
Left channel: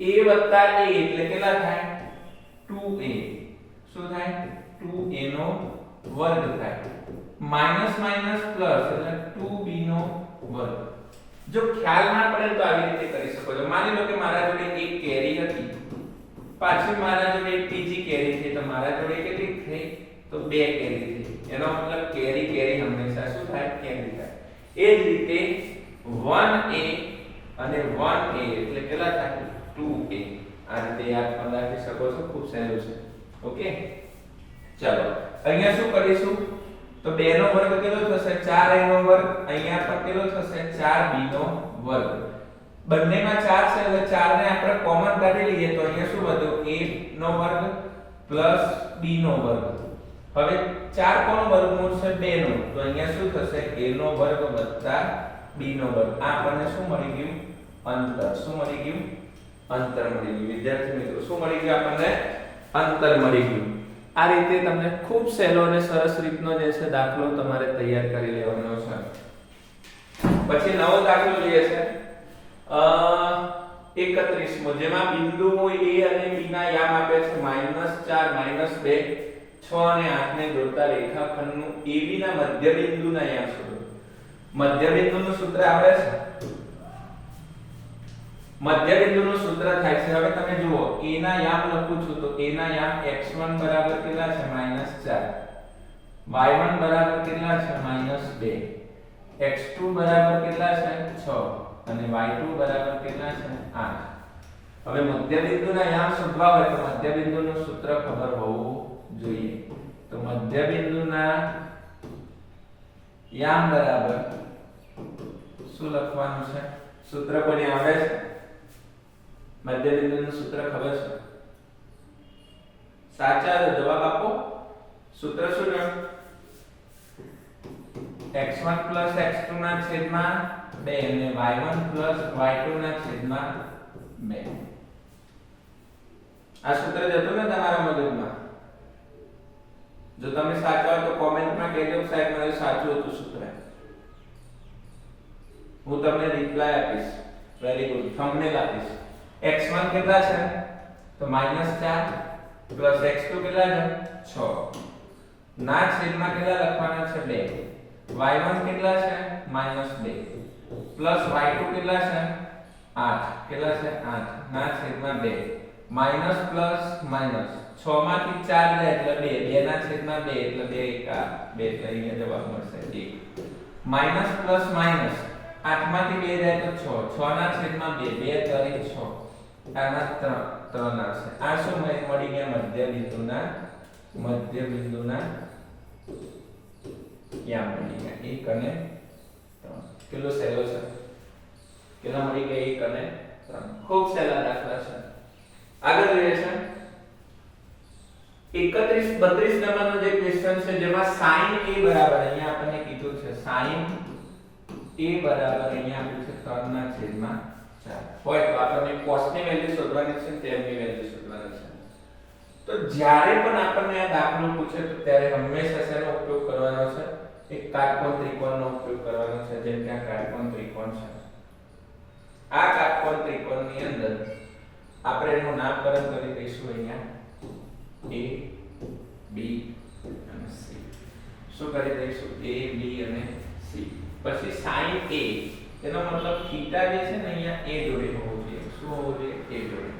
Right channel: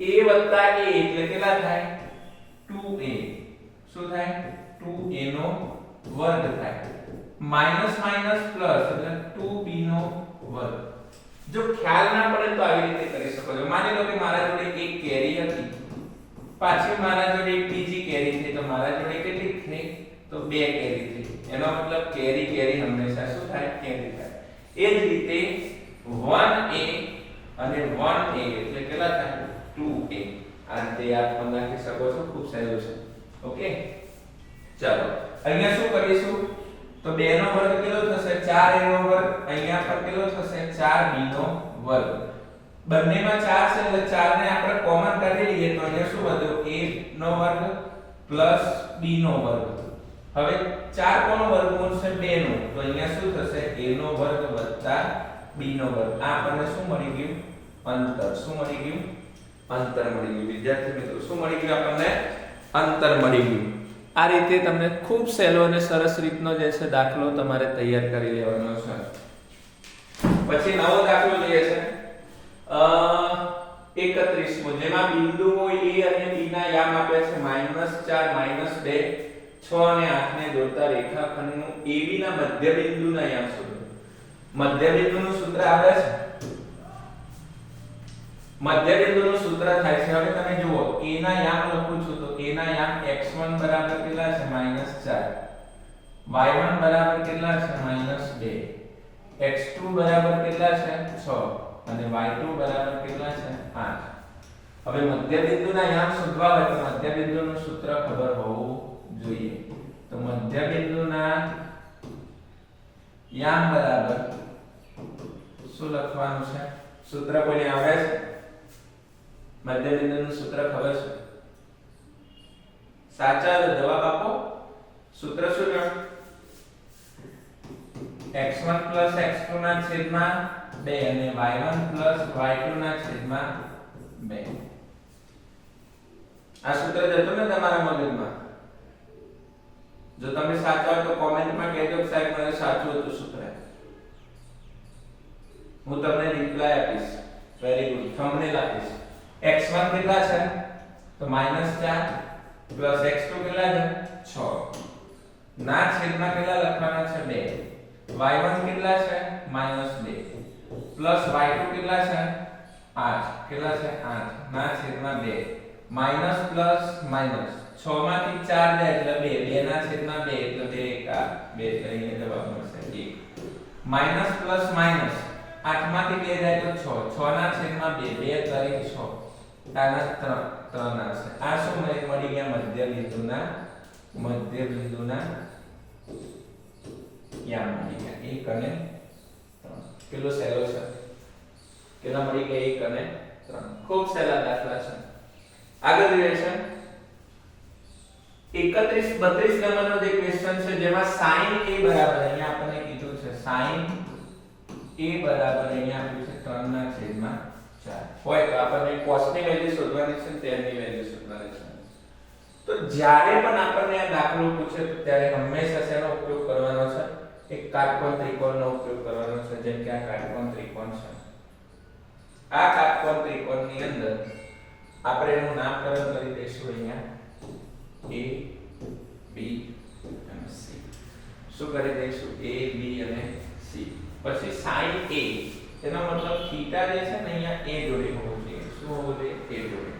a વત્તા a એટલે કેટલા થાય 2a. શું થાય 2a નો વર્ગ થાય. માઈનસ માઈનસ પ્લસ એટલે 2b નો વર્ગ. જો ખ્યાલ ના પડે તો આવી રીતે કરી શકો છો. માની લો કે મારા જોડે એક કેરી હતી, પાછી મારા જોડે એક બીજી કેરી થઈ, તો મારા જોડે કેટલી થઈ તો બે કેરી થઈ. એનો મતલબ કેરી કેરી હંમેશા શું થાય કેરી થાય. એ જ રીતે 1a અને 1a એટલે કેટલા થાય 2a. આ રીતે યાદ પણ રાખી શકો છો, ખૂબ સહેલું છે. ઓકે ચાલો અહીંયા શું કરીશું તો 2 નો વર્ગ કેટલો થશે 4a નો વર્ગ, અહીંયા પણ કેટલો થશે 4b નો વર્ગ. બંનેમાં 4 છે એટલે 4 ને આપણે કોમન કાઢી લઈએ તો અહીંયા શું વધ્યો a નો વર્ગ પ્લસ b નો વર્ગ. હવે 4 કોનો વર્ગમૂળ છે 2 નો, તો અહીંયા શું થશે a નો વર્ગ વત્તા b નો વર્ગ. આ આપણને શું મળી ગયું અંતર. શું મળી ગયું અંતર મળી ગયું. વિદ્યાર્થી મિત્રો શું મળી ગયું આપણને અંતર મળી ગયું. આ રીતે તમને ખૂબ સહેલો અને સરસ રીતનો જે છે દાખલો તમારે તૈયાર કરી લેવાનો છે. પછી નવો દાખલો જોઈએ છે 31મો, જેમાં બિંદુ હોય a અને b ના યામ આપ્યા છે -4 -2 6 અને 8 ને જોડતા રેખાખંડનું AB ના મધ્ય બિંદુના યામ શોધો. મધ્ય બિંદુનું સૂત્ર આવે છે, મધ્ય બિંદુનું સૂત્ર થાય છે. હવે તમે જુઓ a ના યામ લખું છું તો a ના યામ x1 બરાબર કેટલા છે -4, y1 બરાબર કેટલા છે -2, x2 બરાબર કેટલા છે 6 અને y2 બરાબર કેટલા છે 8. હવે મધ્ય બિંદુના યામ શોધવા હોય તો મધ્ય બિંદુનું સૂત્ર ખબર હોવું જોઈએ. તો મધ્ય બિંદુના યામ બરાબર શું લખવાનું છે સૂત્ર કોને આવે છે? મધ્ય બિંદુનું સૂત્ર ખબર છે? સાચા જવાબ આપો. સૂત્ર શું છે? x1 x2 ના છેદમાં 2 અને y1 y2 ના છેદમાં 2. આ સૂત્ર જતું ને તમારા મગજમાં? જો તમે સાચા હોય તો કોમેન્ટમાં કહેજો સાહેબ મને સાચું હતું સૂત્ર. હું તમને રિપ્લાય આપીશ. Very good. થંબનેલ આપીશ. x1 કેટલા છે તો -4 પ્લસ x2 કેટલા છે 6 ના છેદમાં કેટલા લખવાના છે 2, y1 કેટલા છે -2 પ્લસ y2 કેટલા છે 8, કેટલા છે 8 ના છેદમાં 2 માઈનસ પ્લસ માઈનસ 6 માંથી 4 જાય એટલે 2, 2 ના છેદમાં 2 એટલે 2 એકા 2 એટલે અહીંયા જવાબ મળશે 1. માઈનસ પ્લસ માઈનસ 8 માંથી 2 જાય તો 6, 6 ના છેદમાં 2, 2 તારીખ 6 આના 3 આવશે. આ શું મળી ગયા મધ્ય બિંદુના યામ મળી ગયા 1 અને 3. કેટલો સહેલો છે? કેટલા મળી ગયા 1 અને 3. ખૂબ સહેલા દાખલા છે. આગળ જોઈએ છે 31 32 નંબરનો જે ક્વેશ્ચન છે જેમાં sin a બરાબર અહીંયા આપણને કીધું છે sin a બરાબર અહીંયા આપ્યું છે 3/4 હોય તો આપણને cos ની વેલ્યુ શોધવાની છે, તેમની વેલ્યુ શોધવાની છે. તો જ્યારે પણ આપણને આ દાખલો પૂછે તો ત્યારે હંમેશા શેનો ઉપયોગ કરવાનો છે? એક કાટકોણ ત્રિકોણનો ઉપયોગ કરવાનો છે. જેમ કે આ કાટકોણ ત્રિકોણ છે. આ કાટકોણ ત્રિકોણની અંદર આપણે એનું નામકરણ કરી દઈશું અહીંયા a b અને c. શું કરી દઈશું? a b અને c. પછી sin a એનો મતલબ થીટા જે છે ને અહીંયા a જોડે હોવો જોઈએ. શું હોવો જોઈએ? a જોડે.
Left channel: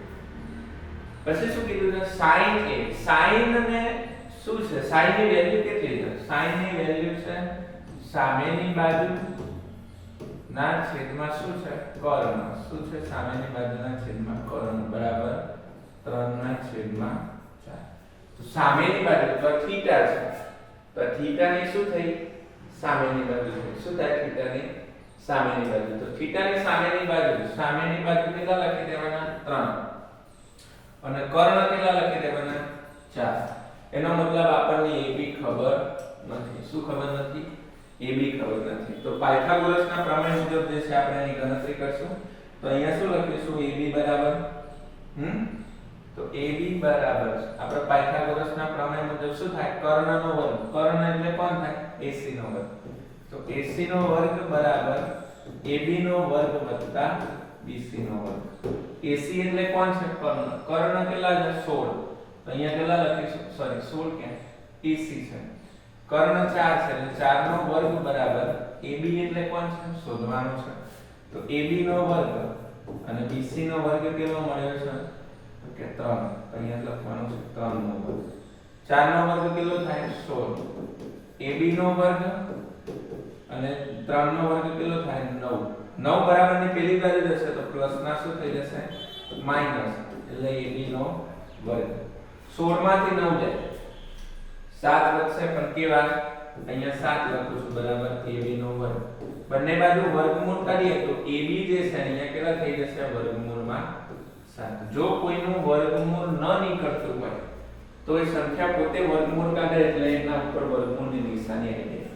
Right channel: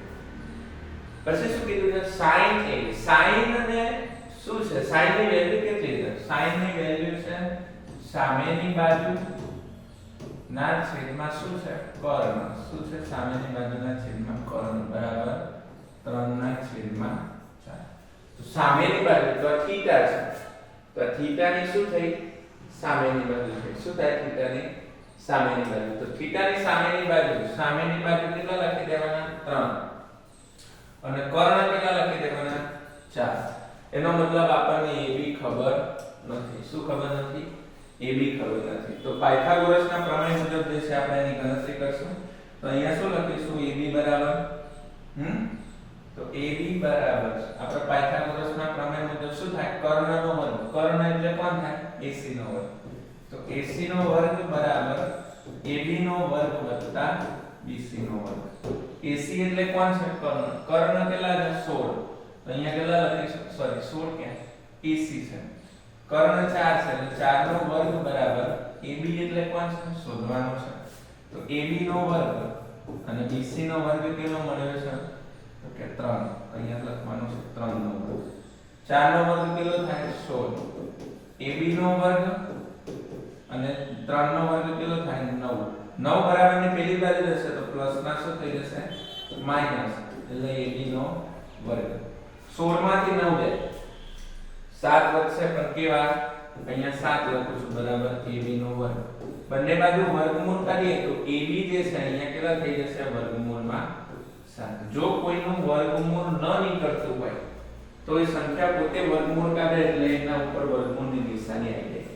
પછી શું કીધું છે sin a sin ને શું છે sin ની વેલ્યુ કેટલી છે sin ની વેલ્યુ છે સામેની બાજુ ના છેદમાં શું છે કર્ણ શું છે સામેની બાજુના છેદમાં કર્ણ બરાબર 3/4 તો સામેની બાજુ તો થીટા છે તો થીટા ની શું થઈ સામેની બાજુ છે શું થાય થીટા ની સામેની બાજુ તો થીટા ની સામેની બાજુ કેટલા લખી દેવાના 3 અને કર્ણ કેટલા લખી દેવાના 4 એનો મતલબ આપણને AB ખબર નથી શું ખબર નથી AB ખબર નથી તો પાયથાગોરસના પ્રમેય મુજબ જે છે આપણે એની ગણતરી કરશું તો અહીંયા શું લખીશું AB બરાબર તો AB બરાબર આપણે પાયથાગોરસના પ્રમેય મુજબ શું થાય કર્ણનો વર્ગ કર્ણ એટલે કોણ થાય AC નો વર્ગ તો AC નો વર્ગ બરાબર AB નો વર્ગ વત્તા BC નો વર્ગ AC એટલે કોણ છે કર્ણ કર્ણ કેટલા છે 16 તો અહીંયા કેટલા લખીશું સોરી 16 ક્યાં AC છે કર્ણ 4 છે એટલે 4 નો વર્ગ બરાબર AB એટલે કોણ છે શોધવાનું છે તો AB નો વર્ગ અને BC નો વર્ગ કેટલો મળ્યો છે તો કે 3 અહીંયા લખવાનું છે 3 નો વર્ગ 4 નો વર્ગ કેટલો થાય 16 AB નો વર્ગ અને 3 નો વર્ગ કેટલો થાય 9 9 બરાબરની પેલી બાજુ જશે તો પ્લસ ના શું થઈ જશે માઈનસ એટલે AB નો વર્ગ 16 માંથી 9 જાય 7 વધશે પણ કેવા અહીંયા 7 લખું છું બરાબર AB નો વર્ગ બંને બાજુ વર્ગમૂળ કાઢીએ તો AB જે છે અહીંયા કેટલા થઈ જશે વર્ગમૂળમાં 7 જો કોઈનું વર્ગમૂળ ન નીકળતું હોય તો એ સંખ્યા પોતે વર્ગમૂળ કાઢે એટલે એના ઉપર વર્ગમૂળની નિશાની આવી જાય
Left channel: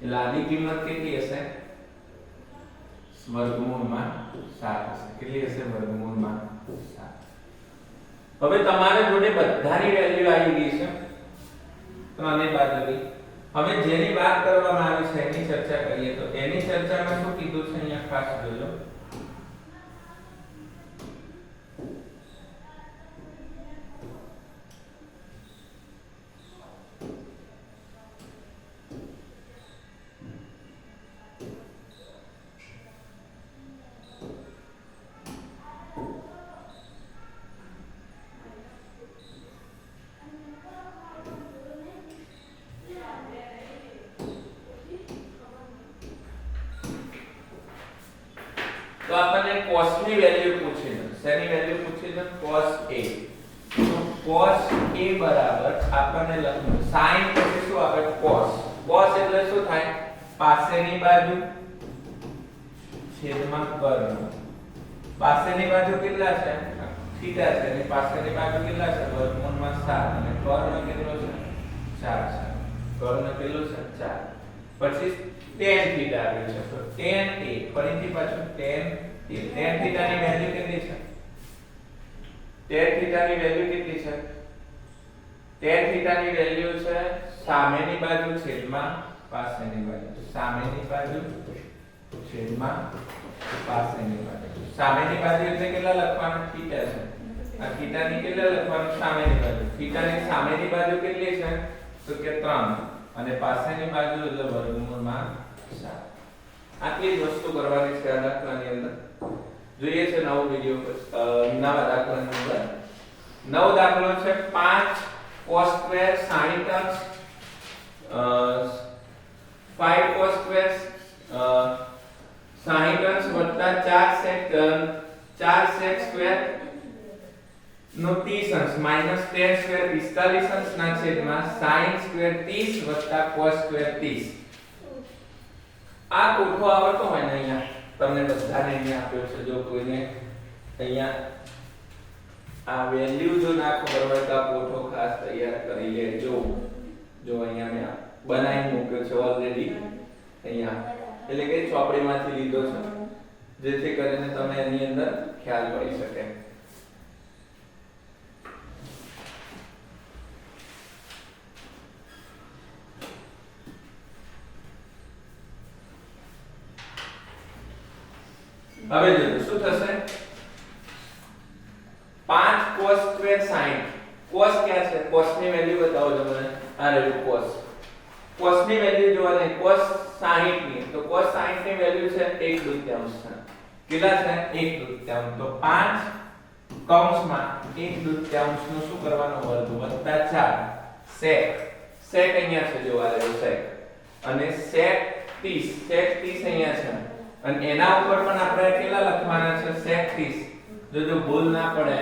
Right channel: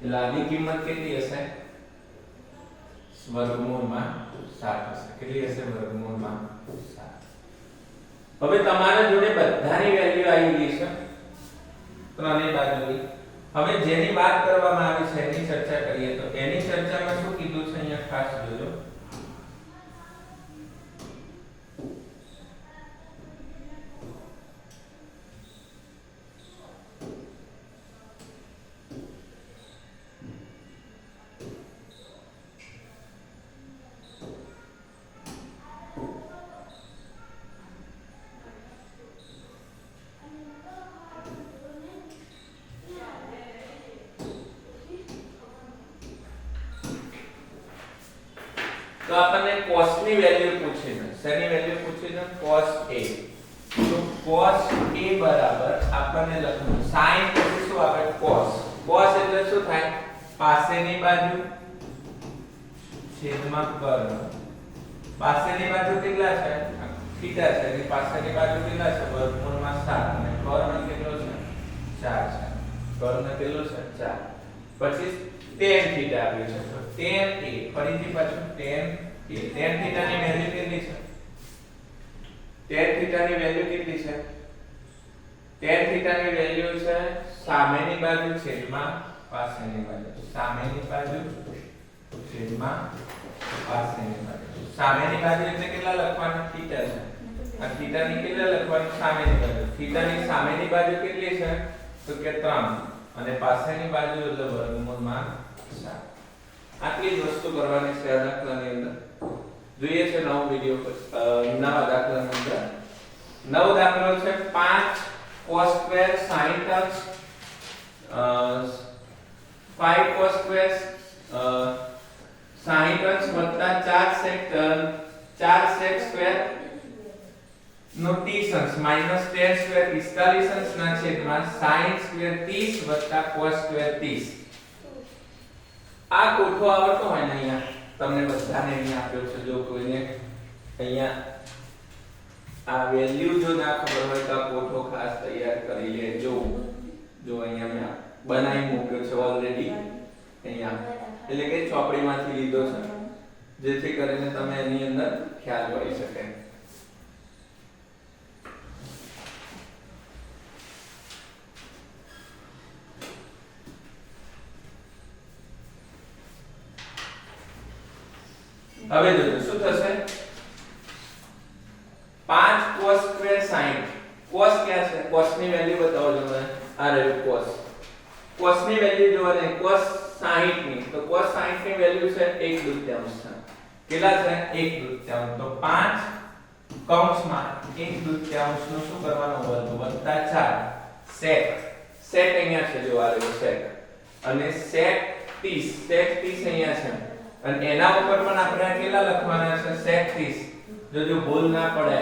એટલે આની કિંમત કેટલી હશે વર્ગમૂળમાં 7 હશે કેટલી હશે વર્ગમૂળમાં 7 હવે તમારા જોડે બધાની વેલ્યુ આવી ગઈ છે ત્રણેય બાજુની હવે જેની વાત કરવામાં આવી છે એની ચર્ચા કરીએ તો એની ચર્ચામાં શું કીધું છે અહીંયા ખાસ જોજો તો આપણને cos ની વેલ્યુ પૂછી છે શેની વેલ્યુ પૂછી છે cos a તો cos a બરાબર આપણને લખવું sin પછી શું આપણે cos એટલે શું થાય પાસેની બાજુ છેદમાં કર્ણ પાસેની બાજુ કેટલા છે થીટા છે એની પાસેની બાજુ કેટલા છે વર્ગમૂળમાં 7 અને કર્ણ કેટલો છે 4 છે કર્ણ કેટલો છે 4 પછી tan થીટા આવ્યું છે તો tan a ફરીથી પાછું tan થીટાની વેલ્યુ કેટલી છે tan થીટાની વેલ્યુ કેટલી છે tan થીટાની વેલ્યુ છે સામેની બાજુ છેદમાં પાસેની બાજુ સામેની બાજુ છેદમાં પાસેની બાજુ સામેની બાજુ એટલે કેટલા લખવાનું થીટા છે આ થીટાની કેટલા લખવાનું સામેની બાજુ થીટાની સામેની બાજુ કેટલી છે તો કે 3 અને પાસેની બાજુ એટલે વર્ગમૂળમાં 7 આટલી જ વસ્તુ કરવાની છે આ દાખલાની અંદર જોઈએ છે નવો વિડિયો નવા દાખલાની અંદર નવો દાખલો છે 5 cos સ્ક્વેર sin અંશ 5 cos સ્ક્વેર sin અંશ વત્તા 4 sec સ્ક્વેર નો 30 અંશ માઈનસ tan સ્ક્વેર 45 અંશ ના છેદમાં sin સ્ક્વેર 30 વત્તા cos સ્ક્વેર 30 આ કોઠો આવતો હોય ને અહીંયા તમને બધાને અહીંયા આપ્યો છે જો કોઈને અહીંયા આ વેલ્યુ જો ના ખબર હોય તો આ કોઠો ખાસ તૈયાર કરી લેજો જો અહીંયા મેં બનાવી મૂક્યો છે ઓલરેડી અહીંયા એટલે કે ચોપડીમાંથી લીધો છે જેથી કરીને તમે એની અંદર ખ્યાલ કરી શકે હવે જોજો શું થશે 5 cos સ્ક્વેર sin cos ક્યાં છે cos ની વેલ્યુ બતાવો જો મને આ રહ્યું cos ની વેલ્યુ જોવાને cos 60 ની તો cos 60 ની વેલ્યુ છે 1/2 કેટલા છે 1/2 તો 5 કૌંસમાં 1/2 નું શું કરવાનું વર્ગ વત્તા 4 sec sec અહીંયા છે જો આ રહ્યું sec અને sec 30 અહીંયા છે અને એના ઉપર પણ આપણે કેટલા લખવાના છે sec 30 જો ભૂલ ના પડે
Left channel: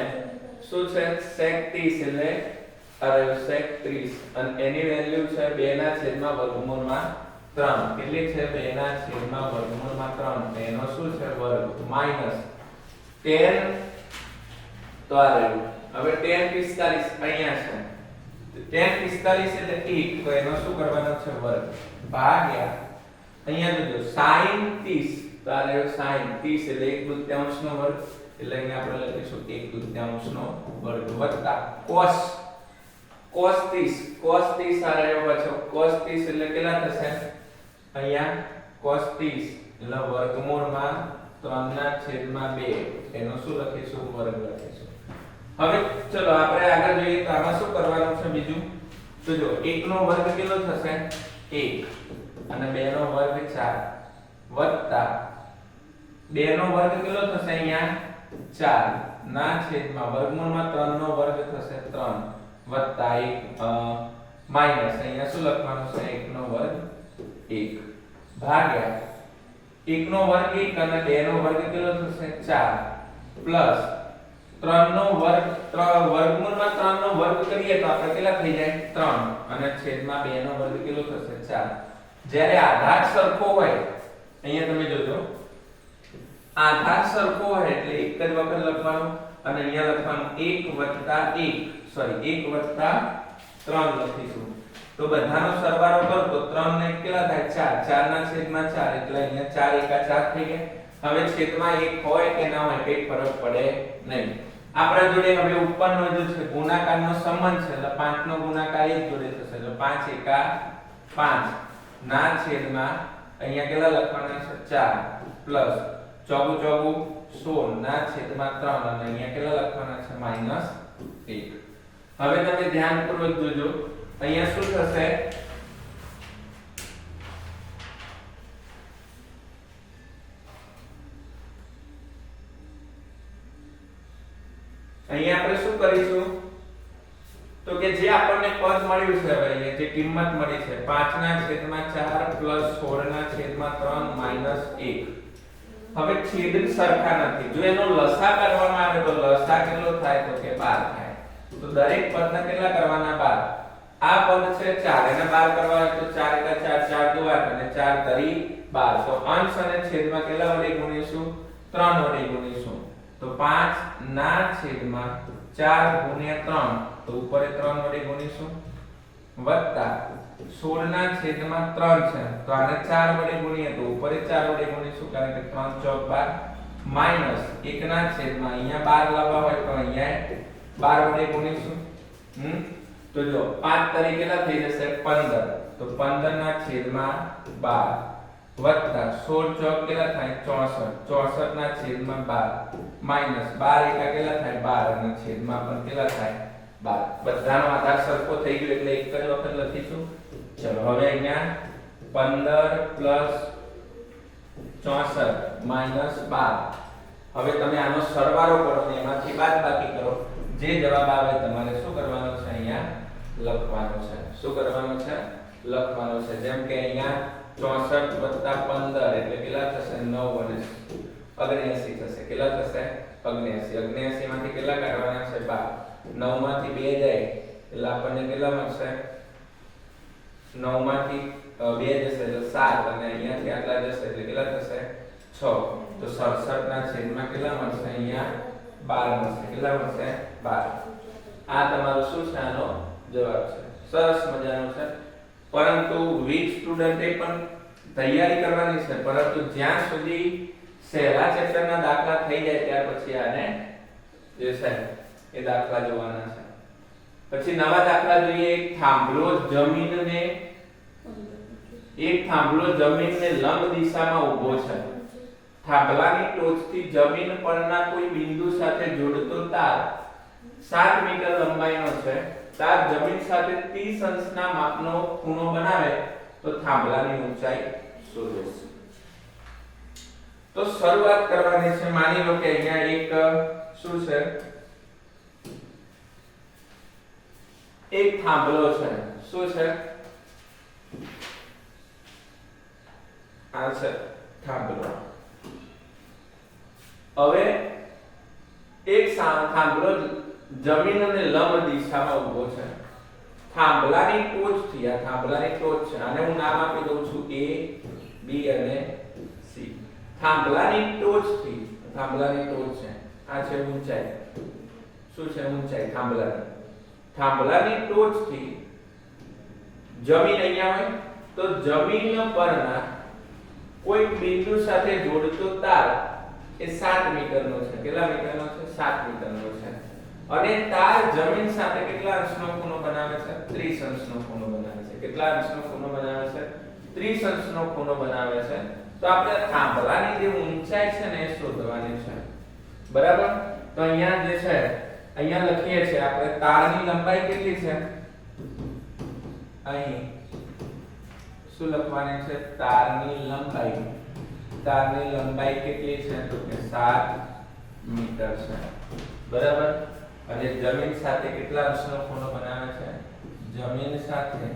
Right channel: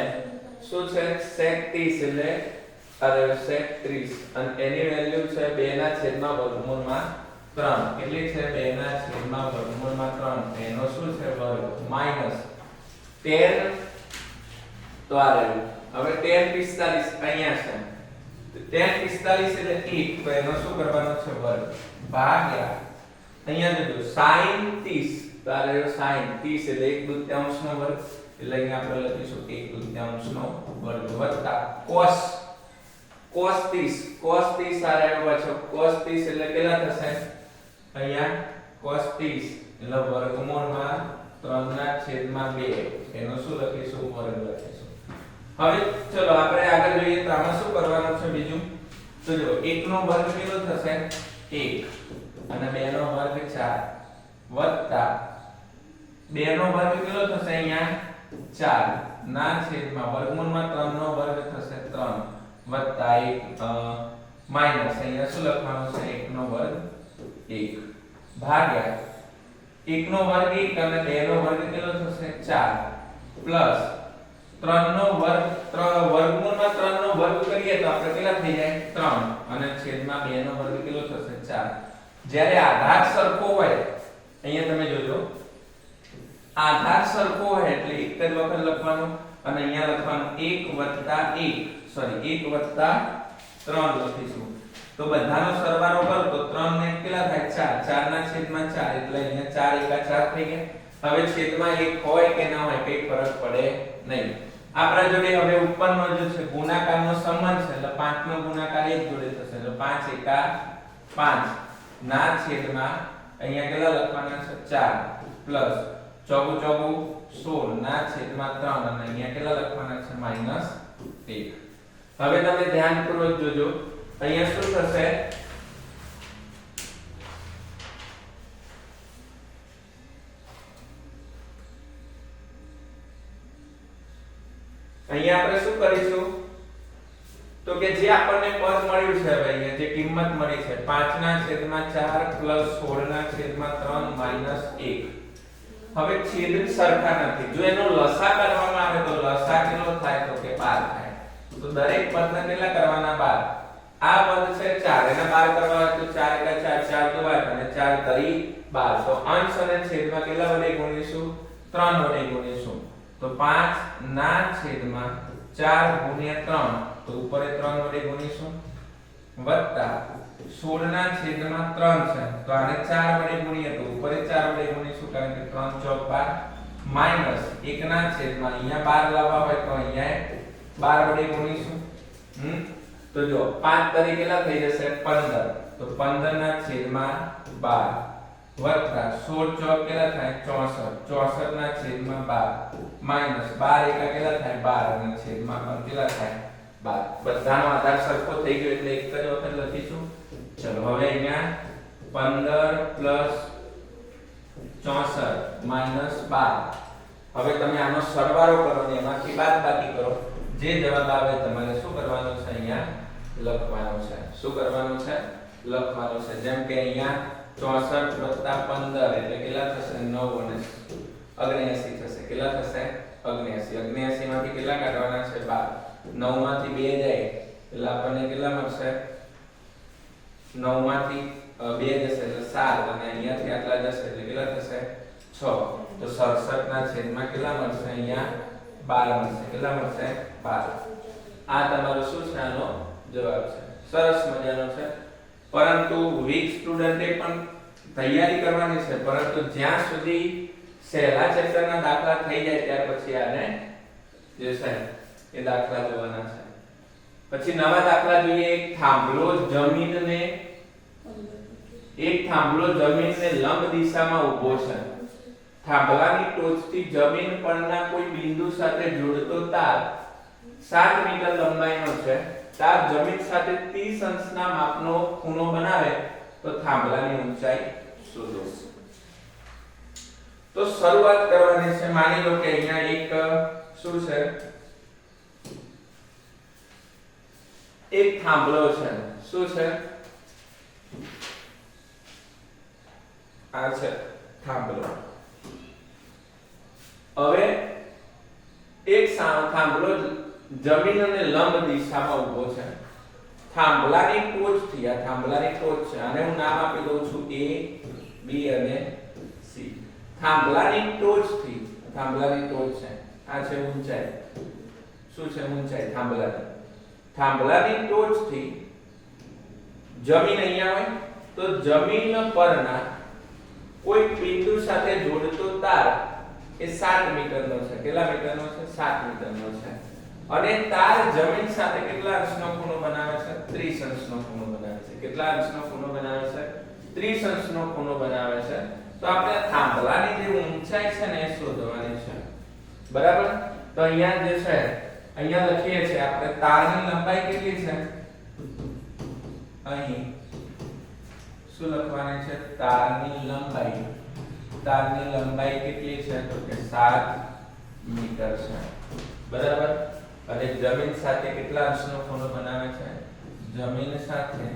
શું છે sec 30 એટલે અરે sec 30 અને એની વેલ્યુ છે 2 ના છેદમાં વર્ગમૂળમાં 3 કેટલી છે 2 ના છેદમાં વર્ગમૂળમાં 3 એનો શું છે વર્ગ માઈનસ 10 તો આ રહ્યું હવે 10 45 અહીંયા છે 10 45 એટલે 1 તો એનો શું કરવાનો છે વર્ગ ભાગ્યા અહીંયા જોજો sin 30 તો આ રહ્યો sin 30 એટલે 1/2 નો વર્ગ એટલે અહીંયા આપણે લખીશું 1/2 નો વર્ગ વત્તા cos 30 આ રહ્યો પાછો cos 30 એટલે કેટલા થશે અહીંયા cos 30 એટલે વર્ગમૂળમાં 3/2 એનો શું લખીશું વર્ગ લખીશું હવે ચલો આપણે આગળ જોઈએ તો આમાં શું કરવાનું છે બીજું તો જો 1 નો વર્ગ કેટલો થશે 1 અને 2 નો વર્ગ 4 વત્તા 2 નો વર્ગ કેટલો થશે અહીંયા 4 ના છેદમાં વર્ગમૂળમાં 3 નો વર્ગ થશે 3 વત્તા 1 માઈનસ અહીંયા શું લખવાનું છે 1 નો વર્ગ 1 ભાગ્યા 1 નો વર્ગ 1 અને 2 નો વર્ગ કેટલો થશે 4 પ્લસ 3 નો વર્ગ વર્ગમૂળમાં 3 નો વર્ગ કરીએ તો આપણે કેટલા થઈ જાય 3 અને છેદમાં 2 નો વર્ગ કેટલો થશે 4 જ્યારે આધાર સરખો હોય અહીંયા તમે જોજો આધાર સરખો હોય એટલે એક જ વખત લખવાનું અને અહીંયા લખવાનું 1 વત્તા 3 લખીશું તો બધાનો સરવાળો કરો તો 3 ને કેટલા થાય 4 4 ના છેદમાં 4 એટલે અહીંયા 4 એકા 4 થઈ ગયા હવે છેદમાં 1 હોય કે ના હોય કઈ ફરક પડે નહીં આપણા જોડે હવે ઉપરનો જે છે ગુણાકારનો સંબંધ છે એટલે 5 નો ગુણાકાર 1 જોડે થશે એટલે 5 એકા 5 ના છેદમાં અહીંયા કેટલા લખવાના છે 4 પ્લસ ચોગુ 16 ના છેદમાં 3 અને અહીંયા કેટલા લખવાના છે માઈનસ 1 હવે તમે ધ્યાનપૂર્વક જોજો અહીંયા શું થશે અહીંયા આપણે શું કરીશું તો કે જે આપણને પદ મળ્યું છે હવે અહીંયા જે કિંમત મળી છે 5 ના છેદમાં 4 પ્લસ 16 ના છેદમાં 3 માઈનસ 1 હવે છેદ સરખા નથી જો એનો લસા કરવામાં આવે તો લસા કેટલો થાય તો કે 12 થાય તો દરેક પદને કેટલા કરવાના 12 આ પદ છે 4 એને 12 કરવા તો 4 એકા 4 4 દુ 8 અને 4 તરી 12 તો અંશ અને છેદમાં કેટલા વડે ગુણીશું 3 વડે ગુણીશું તો 5 ના છેદમાં 4 ગુણ્યા 3 તો ઉપર 3 વડે ગુણીશું વત્તા 16 ના છેદમાં 3 છે તો આને 4 વડે ગુણીએ તો ઉપર 4 વડે ગુણીશું કારણ કે 3 ચોક 12 માઈનસ 1 ના છેદમાં અહીંયા 12 લાવવા હોય તો અહીંયા 12 વડે ગુણીશું તો જો 5 તરી કેટલા થઈ જશે 15 તો 15 ના છેદમાં 12 વત્તા 16 ચોક કેટલા થાય 64 64 ના છેદમાં 12 માઈનસ 12 એકા કેટલા થાય 12 અને છેદમાં પણ કેટલા થાય 12 બધાનો આધાર સરખો થઈ ગયો એટલે એક જ વખત લખીશું ચલો હવે અહીંયા 15 64 માઈનસ 12 હવે તમે આનો સરવાળો કરો ને એમાંથી બાદબાકી કરો જે જવાબ આવે તમારે શું કરવાનો છે અહીંયા લખવાનો છે શું કરવાનો છે લખવાનો છે જેમ કે અહીંયા 64 + 15 એટલે કેટલા થશે 9 અને 79 થશે કેટલા થશે 79 માંથી કેટલા કાઢવાના છે 12 9 માંથી 2 જાય એટલે આપણને કેટલા મળશે 9 માંથી 2 જશે એટલે 7 અને અહીંયાથી આટલા જશે એટલે કેટલા થશે 6 તો 67 ના છેદમાં કેટલા મળશે અહીંયા 12 મળશે કેટલા મળશે 12 આ તમારો શું છે આનો જવાબ છે સરસ મજાનો છે પરંતુ વીક સ્ટુડન્ટે પણ તૈયારી કરવાની છે પરંતુ જ્યાં સુધી સહેલા ચેપ્ટરના દાખલા થઈ જાય ત્યાર પછી આને જે છે એ દાખલા જોવાના છે પછી નવા દાખલા જોઈએ એક થાંભલો જમીનને લંબ દિશામાં ઊભો છે થાંભલાની ટોચથી જમીન પરના કોઈ બિંદુ સાથે જોડતો તાર 7 મીટર લંબાઈનો છે તાર જમીન સાથે 30 અંશના માપનો ખૂણો બનાવે તો થાંભલાની ઊંચાઈ શોધો તો શરૂઆત કરવાની છે માની લો કે અહીંયા એક શું છે એક થાંભલો છે. શું છે? આ છે થાંભલો. હવે એક થાંભલો જમીન અને લંબ દિશામાં ઊભો છે. થાંભલાની ટોચથી, આ થાંભલાની ટોચ છે, આને હું નામ આપી દઉં છું A, B અને C. થાંભલાની ટોચથી, થાંભલાની ટોચ છે, આ છે ઊંચાઈ. શું છે? ઊંચાઈ થાંભલાની. થાંભલાની ટોચથી જમીન અહીંયા હોય તો જમીન પરના કોઈ બિંદુ સાથે જોડતો તાર એ 7 મીટરનો છે. કેટલા મીટરનો છે? 7 મીટરનો છે. અને તાર જમીન સાથે કેટલા અંશનો ખૂણો બનાવે છે? 30 અંશનો ખૂણો બનાવે છે. કેટલા અંશનો ખૂણો બનાવે છે? 30 અંશનો ખૂણો બનાવે છે. તો આપણે થાંભલાની જે ઊંચાઈ છે ને એ શોધવાની છે. બરાબર? તો અહીંયા જે છે, અહીંયા લખીએ છીએ આપણે તારની લંબાઈ કેટલી છે? અહીં શું લખવાની છે? તારની લંબાઈ. તારની લંબાઈ કેટલી છે? તો કે 7 મીટર છે. બરાબર? અને જમીન સાથે કેટલા અંશનો ખૂણો બનાવે છે? જમીન સાથે,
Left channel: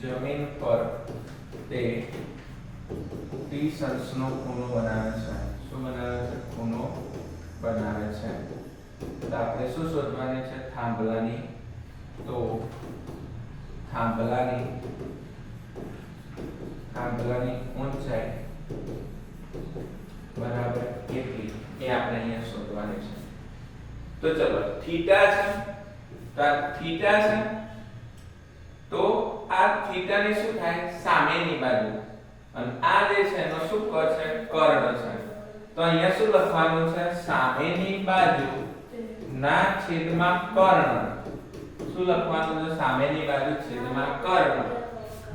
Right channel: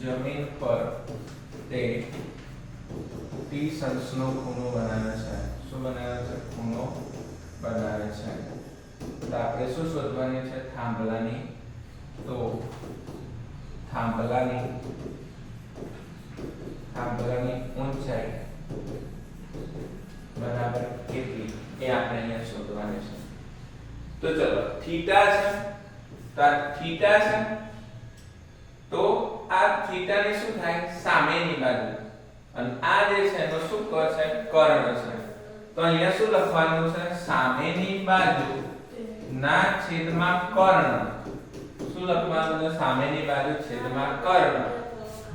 જમીન પર તે 30 અંશનો ખૂણો બનાવે છે. શું બનાવે છે? ખૂણો બનાવે છે. તો આપણે શું શોધવાની છે? થાંભલાની. તો થાંભલાની ઊંચાઈ બરાબર કેટલી એ આપણે અહીંયા શોધવાની છે. તો ચલો થીટા છે, તો આ થીટા છે, તો આ થીટાની શું થાય? સામેની બાજુ. અને આ જે છે એનો શું છે? કર્ણ છે. તો અહીંયા શું લખવાનું છે? સામેની બાજુ ના છેદમાં કર્ણ. શું લખવાનું છે? સામેની બાજુ છેદમાં કર્ણ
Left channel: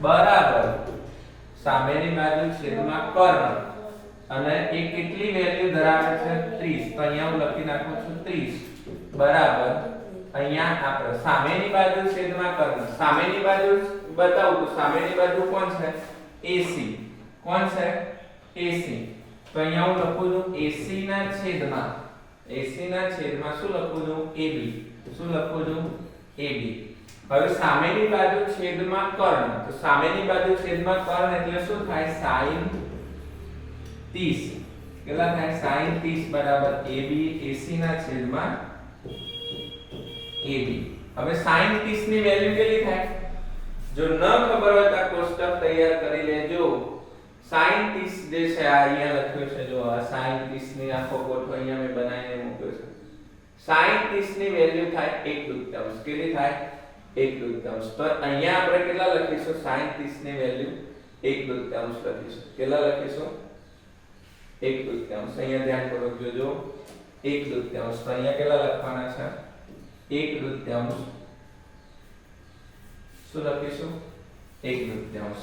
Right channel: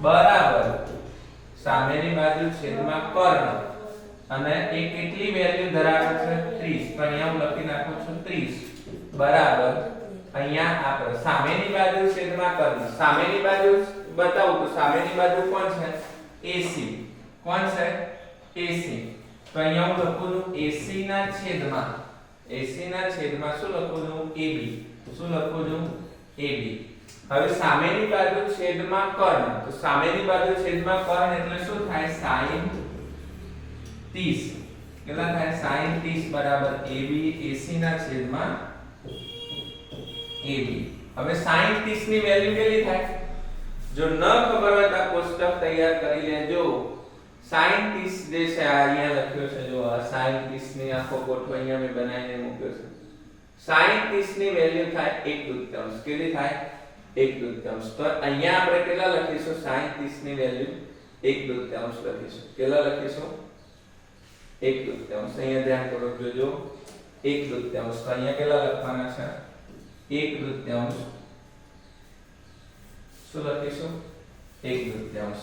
બરાબર સામેની બાજુ છેદમાં કર્ણ. અને એ કેટલી વેલ્યુ ધરાવે છે? 30. તો અહીંયા હું લખી નાખું છું 30 બરાબર. અહીંયા આપણે સામેની બાજુ છેદમાં કર્ણ. સામેની બાજુ બતાવું તો સામેની બાજુ કોણ છે? AC. કોણ છે? AC. તો અહીંયા હું લખું છું AC ના છેદમાં, AC ના છેદમાં શું લખું છું? AB. શું લખું છું? AB. હવે સામેની બાજુ છેદમાં કર્ણ. તો સામેની બાજુ છેદમાં કર્ણ એટલે શું થાય? sin 30. કેટલા થાય? sin 30 બરાબર AB. AC ના છેદમાં AB. હવે sin 30 ની વેલ્યુ કેટલી થાય? જો ન ખબર હોય તો આ કોષ્ટક તૈયાર કરી લેજો. sin 30 જે છે આ અહીંયા લખ્યો છે, જો આ sin 30 ની આખો ગોઠવો અહીંયા મેં બનાવીને મૂક્યો છે. sin 30 ની વેલ્યુ થાય 1/2. કેટલી થાય? 1/2. તો અહીંયા આપણે કેટલા લખીશું? sin 30 ની વેલ્યુ 1/2 લખીશું. કેટલા લખીશું? 1/2. અહીંયા ધ્યાન પૂર્વક જોજો. 1/2. તો અહીંયા કેટલા લખવાના છે? 1/2. શું લખીશું? 1/2.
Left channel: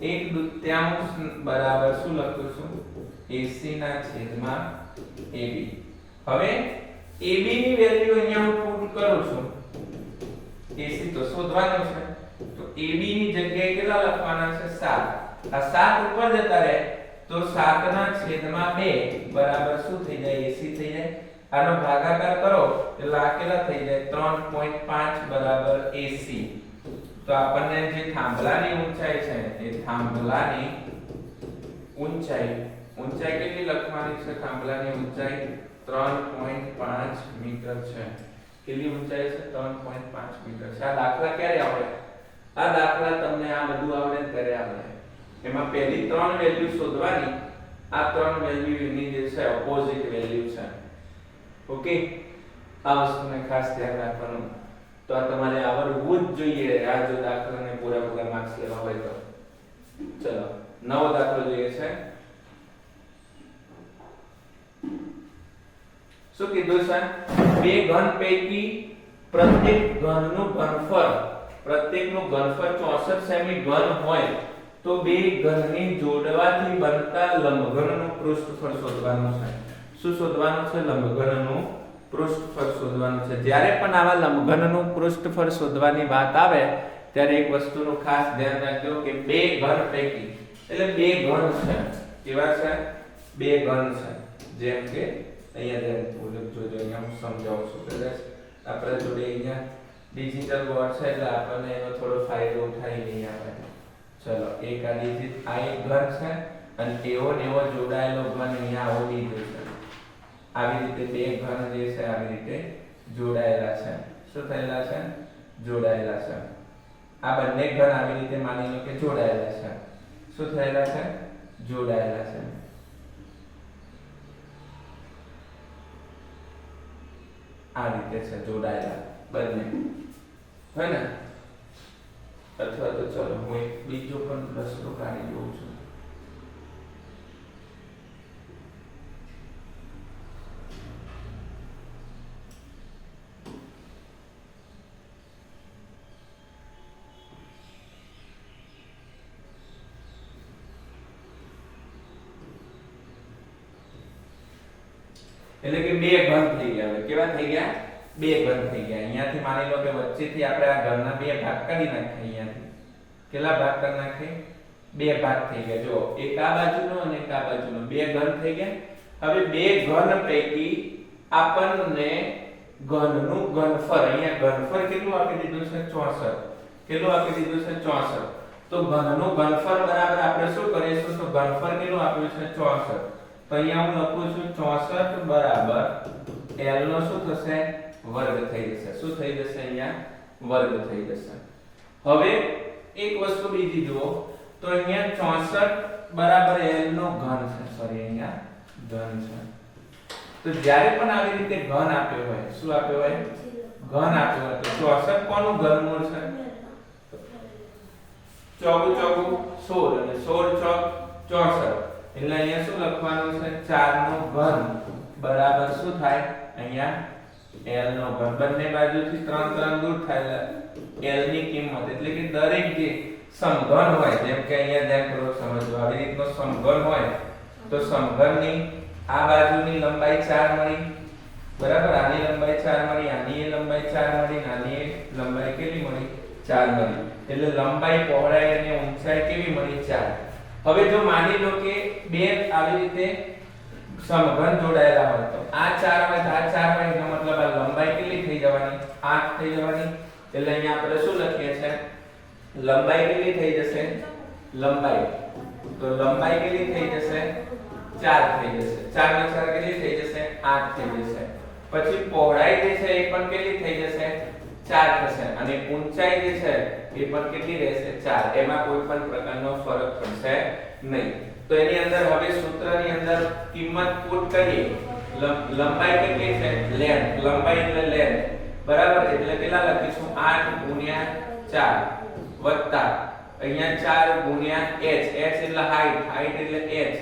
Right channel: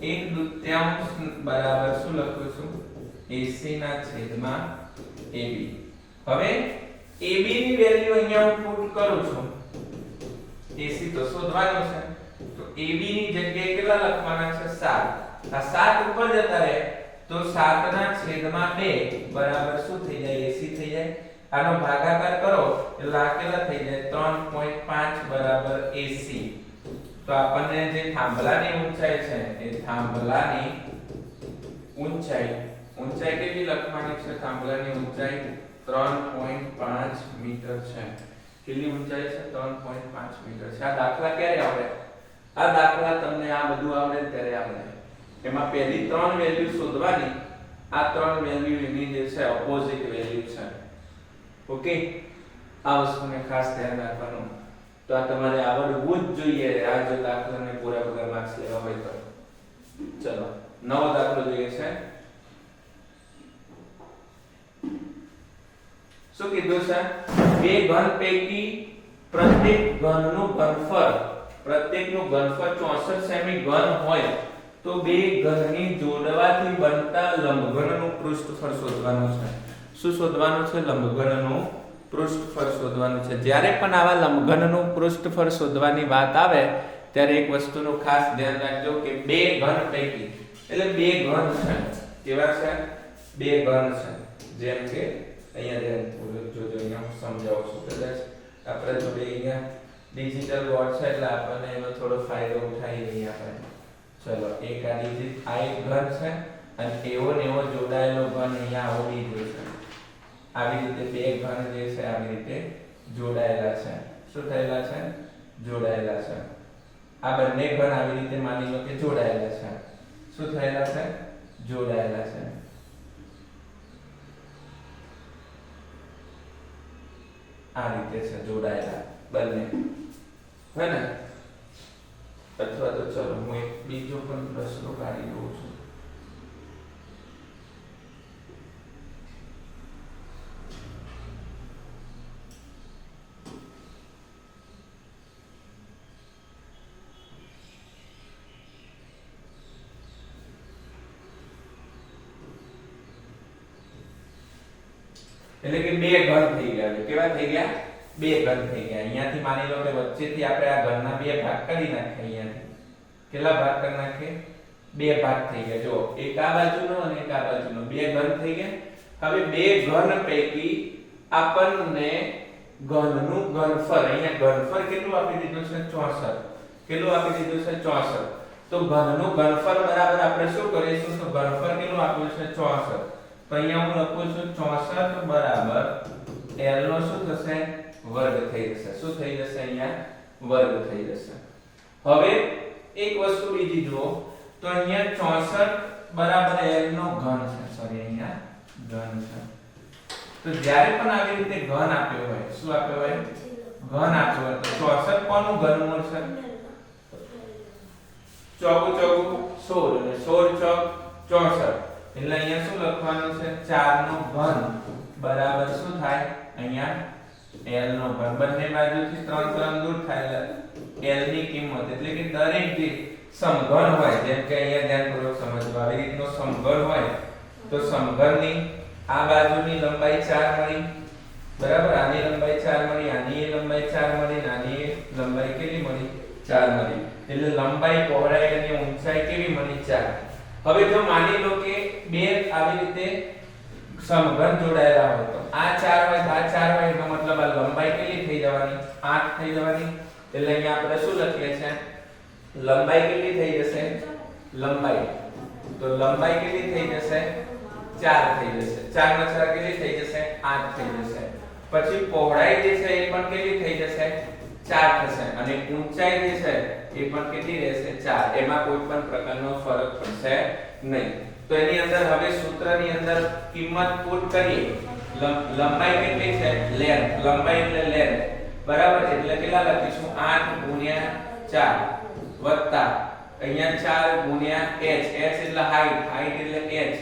1/2 બરાબર શું લખું છું? AC ના છેદમાં AB. હવે AB ની વેલ્યુ અહીંયા હું પુટ કરું છું. AC તો શોધવાનું છે. તો AB ની જગ્યાએ કેટલા લખવાના છે? 7. આ 7 ઉપર જતા રહે તો 7 ના છેદમાં 2 બરાબર શું થઈ જાય? AC થઈ જાય. આનો ભાગાકાર કરો એટલે આ કેટલા થઈ જાય? 3.5 બરાબર AC. તો આપણને જે થાંભલાની ઊંચાઈ છે એ થાંભલાની ઊંચાઈ કેટલી લખવાની છે? થાંભલાની ઊંચાઈ 3.5 મીટર છે. કેટલી ઊંચાઈ છે? 3.5 મીટર છે. આ દાખલા ક્યારે આવડે? આ દાખલા તમને આ બધું આવડે ત્યારે આવડે. એમાં પહેલી 3 વેલ્યુ શોધવાની. આ 3 વેલ્યુ એની જે છે ઓપોઝિટ વેલ્યુ છે. ઓકે, આ વસ્તુને ખાસ ધ્યાન રાખવાનું. તો આ તમારે આવડવું જ જોઈએ આ જો દાખલાને પૂરા માર્ક્સ લેવા હોય તો. ચલો નવો દાખલો જોઈએ છે. શું કીધું છે? બે ઘન પૈકી પ્રત્યેક ઘનનું ઘનફળ 64 સેમી ઘન હોય તો બે ઘનની જોડવાથી બનતા લંબઘનનું પૃષ્ઠફળ શોધવાનું છે. શું શોધવાનું છે? લંબઘનનું પૃષ્ઠફળ શોધવાનું છે. જ્યારે પણ આવા લંબઘનનું પૃષ્ઠફળ શોધવાની વાત આવે ત્યારે એક વસ્તુનું ખાસ ધ્યાન રાખજો કે બે ઘન પૈકી એટલે બે ઘન છે. કેવા છે? બે ઘન છે. જેમ કે અહીંયા ધ્યાનપૂર્વક જોજો. અહીંયા હું સમજાવું છું. કદાચ આપણે જોડે અહીંયા ડિજિટલ બોર્ડ છે એટલે આપણને એનો થોડો ફાયદો ઉઠાવી લઈએ આપણે. ચલો એક આ ડિજિટ આ એક ઘન છે અને એવો ને એવો જોડાયેલો ઘન અહીંયા આવો લીધો છે. આવી રીતે બે ઘન જે છે આવી રીતે જોડાયેલા છે. શું થયેલા છે? જોડાયેલા છે. આ બંને ઘન આવી રીતે માની લો કે જોડાયેલા છે. શું થયેલા છે? જોડાયેલા છે. આ રીતે છે જોડાયેલા બંને, હે ને? અથવા તો ચલો હું એક બીજો પણ રસ્તો કાઢી દઉં છું. એટલે કે બે ઘન થઈ ગયા. કેવા થઈ ગયા? બે ઘન થઈ ગયા. અહીંયાથી માની લો કે વચ્ચેથી આપણે આ ઘનના બે ભાગ કરી નાખીએ. અહીંયાથી કેટલા ભાગ કરી નાખીએ? બે ભાગ થઈ ગયા. જો એક આ બાજુનો અને એક આ બાજુનો બે ઘન થઈ ગયા. હવે બે ઘન પૈકી આપણને ઘનનું ઘનફળ, અહીંયા ઘનફળ કેટલું આપી દીધું છે? 64. કેટલું આપી દીધું છે? 64. તો ઘનનું ઘનફળ બરાબર આપણે શું કરીશું? તો ઘનફળ કેટલું આપ્યું છે? 64. તો અહીંયા હું લખું છું 64 બરાબર l નો શું થશે? વર્ગ થઈ જશે. શું થઈ જશે? અહીંયા વર્ગ થઈ જશે. હવે એક વસ્તુ બીજી જુઓ તો અહીંયા 64 બરાબર l નો ઘન છે. સોરી અહીંયા ઘન છે. તો જ્યારે પણ આવી રીતે ઘન આપ્યો હોય, શું આપ્યો હોય? ઘન આપ્યો હોય તો 64 કોનું ઘનમૂળ છે? ચોગુ ચોગુ 16 અને 16 ચોક 64. એટલે અહીંયા શું લખવાનું છે? 4 નો ઘન બરાબર શું થાય? અહીંયા l નો ઘન. બંને બાજુથી 3 3 દૂર થાય l ની કિંમત, એટલે કે દરેક જે સમઘન હોય, જેમ કે અહીંયા ધ્યાનપૂર્વક સમજો, આવી રીતનો સમઘન હોય તો સમઘનની આ બાજુની લંબાઈ 4 મળી, બરાબર? આની લંબાઈ 4 મળી, આની લંબાઈ 4 મળી, આની લંબાઈ કેટલી મળી? 4 મળી. એટલે લંબાઈ, પહોળાઈ અને ઊંચાઈ કેવી મળી? 4. હવે જો માની લો કે બે આવી રીતે સમઘન જોડાયેલા હોય તો આ 4 માં આ 4 હોય એનો મતલબ આ લંબાઈ કેટલી થઈ જવાની? 8 થઈ જવાની. એટલે અહીંયા આપણે શું લખીએ છે? લંબાઈ કેટલી થઈ જશે? લંબાઈ તો લંબાઈ કેટલી થઈ જશે? 4 થઈ જશે. 4 માં 4 કેટલી થઈ જશે? 8 થઈ જશે. પછી પહોળાઈ જે છે એ પણ કેટલી થઈ જશે? 4 થશે. અને ઊંચાઈ જે છે એ પણ કેટલી રહેશે? 4. એમાં કોઈ પણ પ્રકારનો ફરક પડશે નહીં. તો એની અંદર હવે સૂત્રની અંદર કિંમત પુટ કરીએ. લંબાઈ કેટલી છે? લેન્થ. લંબાઈ એટલે લેન્થ, બરાબર? એટલે કેટલા લખીશું? 8 ગુણ્યા 4 વત્તા અહીંયા 4 ગુણ્યા h. h એટલે હાઈટ, હાઈટ એટલે h,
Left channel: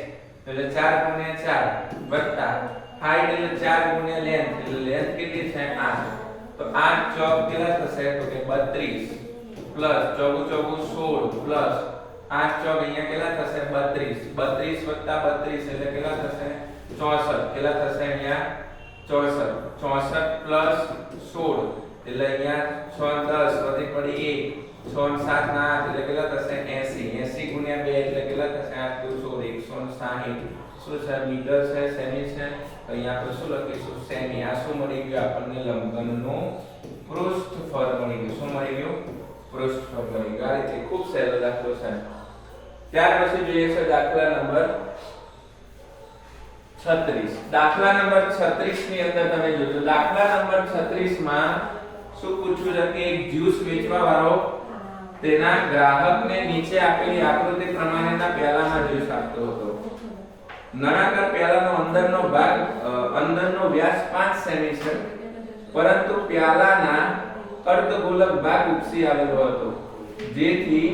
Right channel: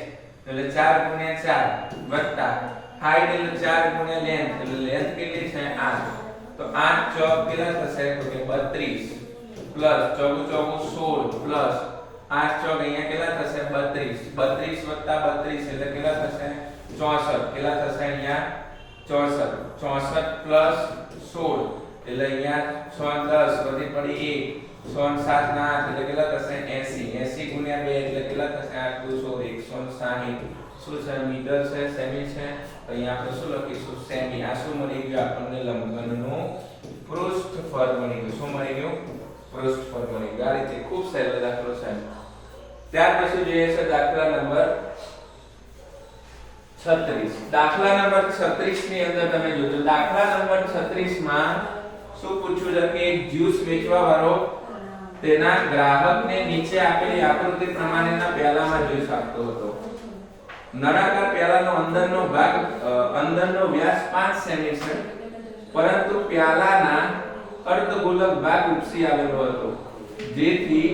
એટલે 4 ગુણ્યા 4 વત્તા હાઈટ એટલે 4 ગુણ્યા લેન્થ, એટલે લેન્થ કેટલી છે? 8. તો 8 ચોક કેટલા થશે? તો કે 32 પ્લસ ચોગુ ચોગુ 16 પ્લસ 8 ચોક અહીંયા કેટલા થશે? 32. 32 વત્તા 32 એટલે કેટલા થશે? 64. કેટલા થશે? અહીંયા 64. 64 પ્લસ 16 એટલે અહીંયા 6 10 વધી પડી 1, 6 7 ના 8 એટલે કેટલા થશે? 80. 80 ગુણ્યા 2 એટલે કેટલા થશે? 8 2 16 160. શું છે? મીટર છે, સેમી છે. અહીંયા આપણે શું લખીશું? સેમી. આ શું મળી ગયું આપણને? લંબઘનનું પૃષ્ઠફળ મળી ગયું. શું મળી ગયું? પૃષ્ઠફળ મળી ગયું. આ રીતે ખૂબ સહેલો દાખલો છે. ત્યાર પછી જોઈએ છે દાખલા નંબર 36. દાખલા નંબર 36 ની અંદર તમે જોજો. દાખલા નંબર 36 માં શું પૂછ્યું છે કે એક જ્યુસ વેચવા વાળો તેના ગ્રાહકને નીચે આપેલી આકૃતિ પ્રમાણેના પ્યાલામાં જ્યુસ આપતો હતો. નળાકાર પ્યાલાનો અંદરનો વ્યાસ 5 સેમી છે, પરંતુ પ્યાલાના અર્ધગોલક ભાગ ઉપસી આવેલો હતો. જેથી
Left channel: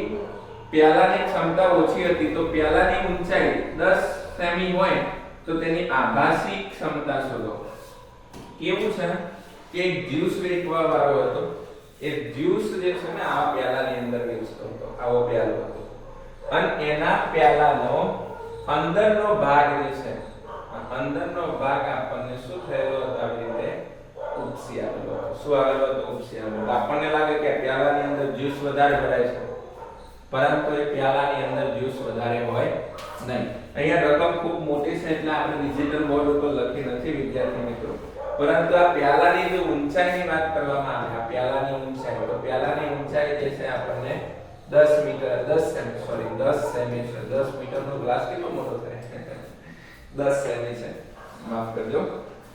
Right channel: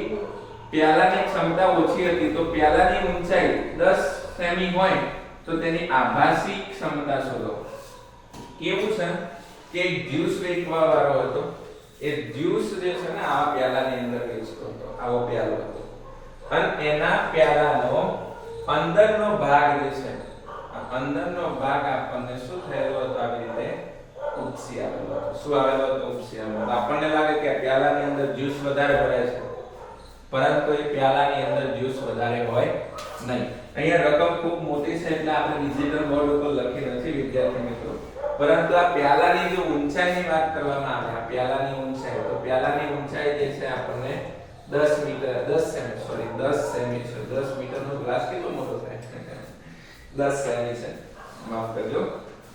પ્યાલાની ક્ષમતા ઓછી હતી તો પ્યાલાની ઊંચાઈ 10 સેમી હોય તો તેની આભાસી ક્ષમતા શોધો. કેવું છે કે એક જ્યુસ વેચવા વાળો હતો. એ જ્યુસ જે છે ને આ પ્યાલાની અંદર વેચતો હતો. આવો પ્યાલો હતો અને એના પ્યાલાનો અંદરનો ભાગ જે છે, અંદરનો ભાગ આપણને શું થયેલો હતો? આવી રીતે ઉપસી આવેલો હતો. શું આવેલો હતો? ઉપસી આવેલો હતો. આપણને લાગે કે પ્યાલાની અંદર જ્યુસ વધારે ભરાય છે, પરંતુ એ પ્યાલાની અંદર જ્યુસ વધારે હોય નહીં. અહીંયા રકમ ખૂબ મોટી છે એટલે આપણે ડિજિટલ બોર્ડ ઉપર લખી નથી વિદ્યાર્થી મિત્રો. પરંતુ આ પ્યાલાની જો ઊંચાઈની વાત કરવામાં આવે, આ પ્યાલાની ઊંચાઈ, તો પ્યાલાની ઊંચાઈ જે છે આપણને 10 મીટર 10 સેમી સોરી 10 સેમી છે. 10 મીટરનો ગ્લાસ કેટલો મોટો થાય? 10 સેમી છે, માફ કરજો.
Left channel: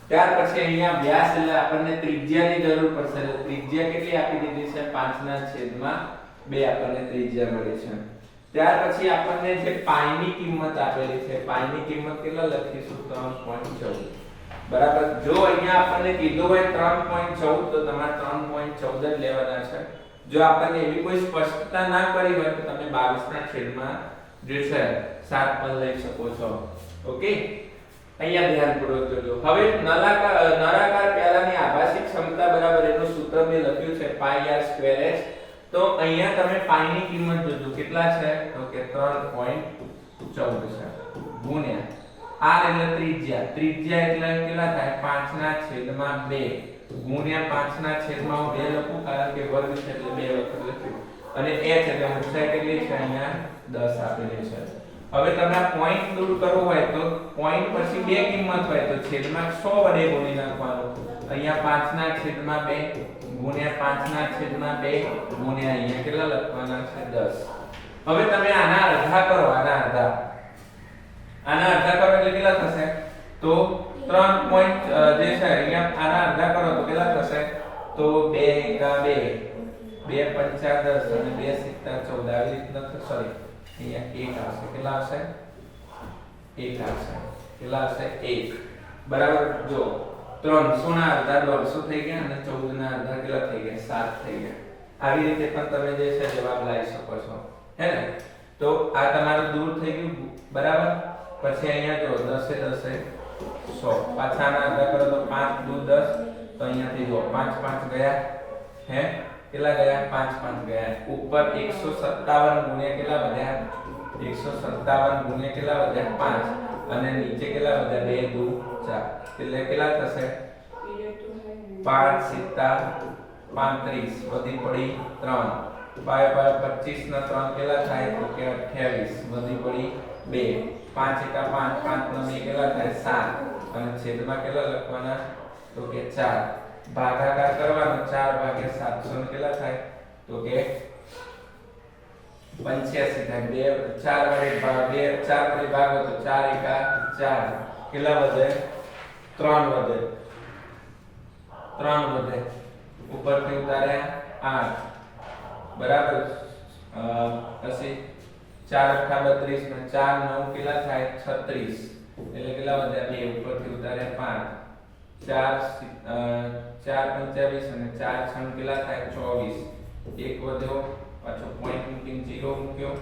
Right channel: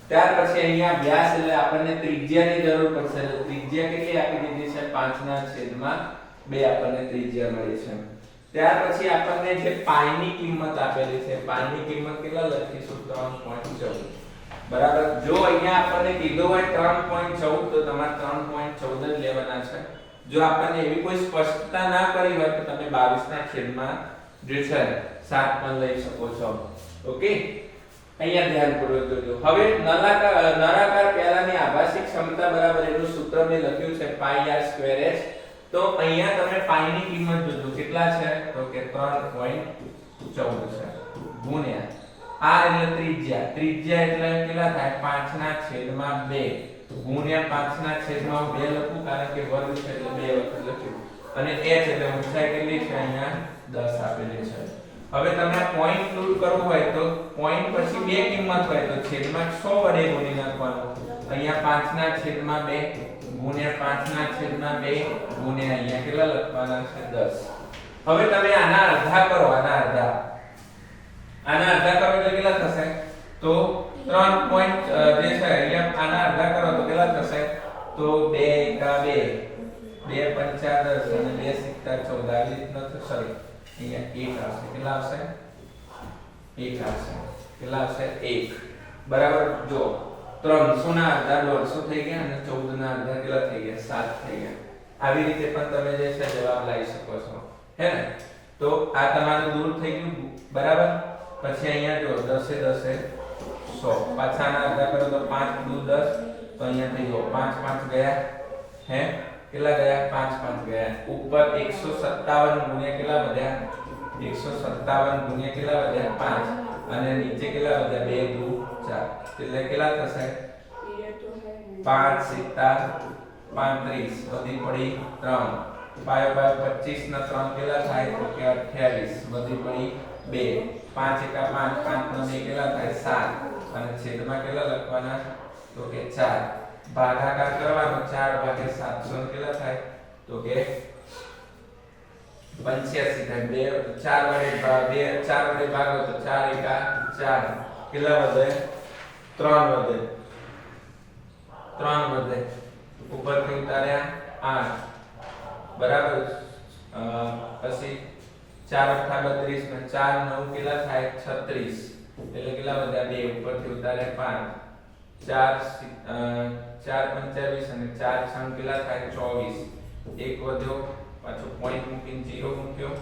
ત્યાર પછી અહીંયા વ્યાસ એટલે આપણને ત્રિજ્યાની જરૂર પડશે. એટલે ત્રિજ્યા કેટલી આપી દીધી છે? 5/2 આપણને ત્રિજ્યા મળી છે. ત્યાર પછી આપણને જે પાઈની કિંમત આપેલી છે, પાઈની કિંમત કેટલા લખીશું? 3.14. બરાબર. જો અહીંયા આપણને કીધું હોય 3.14 તો તમારે 3.14 જ લેવાના છે. જો આપણને એવી કોઈ સ્પષ્ટતા ના કરી હોય તો તમે 22/માં જે છે 7 પણ લઈ શકો છો. ઓકે, અહીંયા ધ્યાનપૂર્વક જોજો. હવે નળાકાર પ્યાલાની આભાસી ક્ષમતા બરાબર એનું સૂત્ર મેં લખ્યું છે πr²h. તો અહીંયા તમે પાઈની કિંમત જોજો કેટલા છે? તો કે 3.14 છે ગુણ્યા r એટલે ત્રિજ્યા. ત્રિજ્યા એટલે કેટલા થાય? 5/2 ગુણ્યા 5/2 લખું કારણ કે વર્ગ છે એટલે 2 વખત લખ્યું. અને h એટલે ઊંચાઈ કેટલી છે? અહીંયા 10 આપેલી છે. હવે તમે આ પોઈન્ટ પ્રૂવ કરવું હોય તો પોઈન્ટ પછી બે કિંમત હોય તો છેદમાં 100 વડે ગુણી નાખવાનું. અહીંયા 5/2 ગુણ્યા 5/2 ગુણ્યા અહીંયા કેટલા લખવાના છે? 10. હવે તમે આના અડધા કરો, આના અડધા કરો એટલે કેટલા થશે? તો 3 પોઈન્ટ જે છે અહીંયા આના અડધા કરો તો કેટલા થશે? તો 2 × 2 2 × 5 = 10 અને 2 × 14 આવી રીતના થશે. સોરી અહીંયા 1 આવશે. કેટલા આવશે? 1 આવશે. કેટલા આવશે? 1. બરાબર. જો 300 ના અડધા 150 થઈ ગયા અને 14 ના અડધા કેટલા થઈ ગયા? 7 થઈ ગયા. આવી રીતે પણ તમે જે છે જવાબ લાવી શકો છો, હે ને? તો આ તમારું દૂર થઈ ગયું. બરાબર. પછી અહીંયા જો 10 × 10 = 100. પાછાના અડધા કરો તો 5 × 2 = 10. તો અહીંયા થઈ ગયો 5 5 ગયા, હે? કેટલા ગયા? 5 5 ગયા. ઉપર 157 ગુણ્યા કેટલા વધ્યા? 157 ગુણ્યા કેટલા વધ્યા? 5. અને નીચે કેટલા વધ્યા? 2 × 2 = 4. એટલે કેટલા થશે? 5 × 7 = 35. વધી પડી 3. 5 5 25 ના 3 કેટલા થાય? તો કે 28. વધી પડી 2. 5 × 5 5 નો 2 કેટલા થાય? 7. અને છેદમાં કેટલા લખવાના? તો કે 4. ભાગાકાર કરવાનો 4/700 કેટલા થાય? તો કે 85 થાય. 4 વડે ભાગો તો 4 × 4 કેટલા વધે? 3 વધે. 3 વધે. ઉપરથી ઉતાર્યા 8. બરાબર. પછી 4 × 8 = 32 ને 4 9 કેટલા થાય? 36. એટલે કેટલા વધ્યા? 2. ઉપરથી ઉતાર્યા 5. 4 × 25 અને 4 × 6 કેટલા થાય? 24. 1 વધ્યો, પાછો પોઈન્ટ મૂકીને 0 મૂક્યો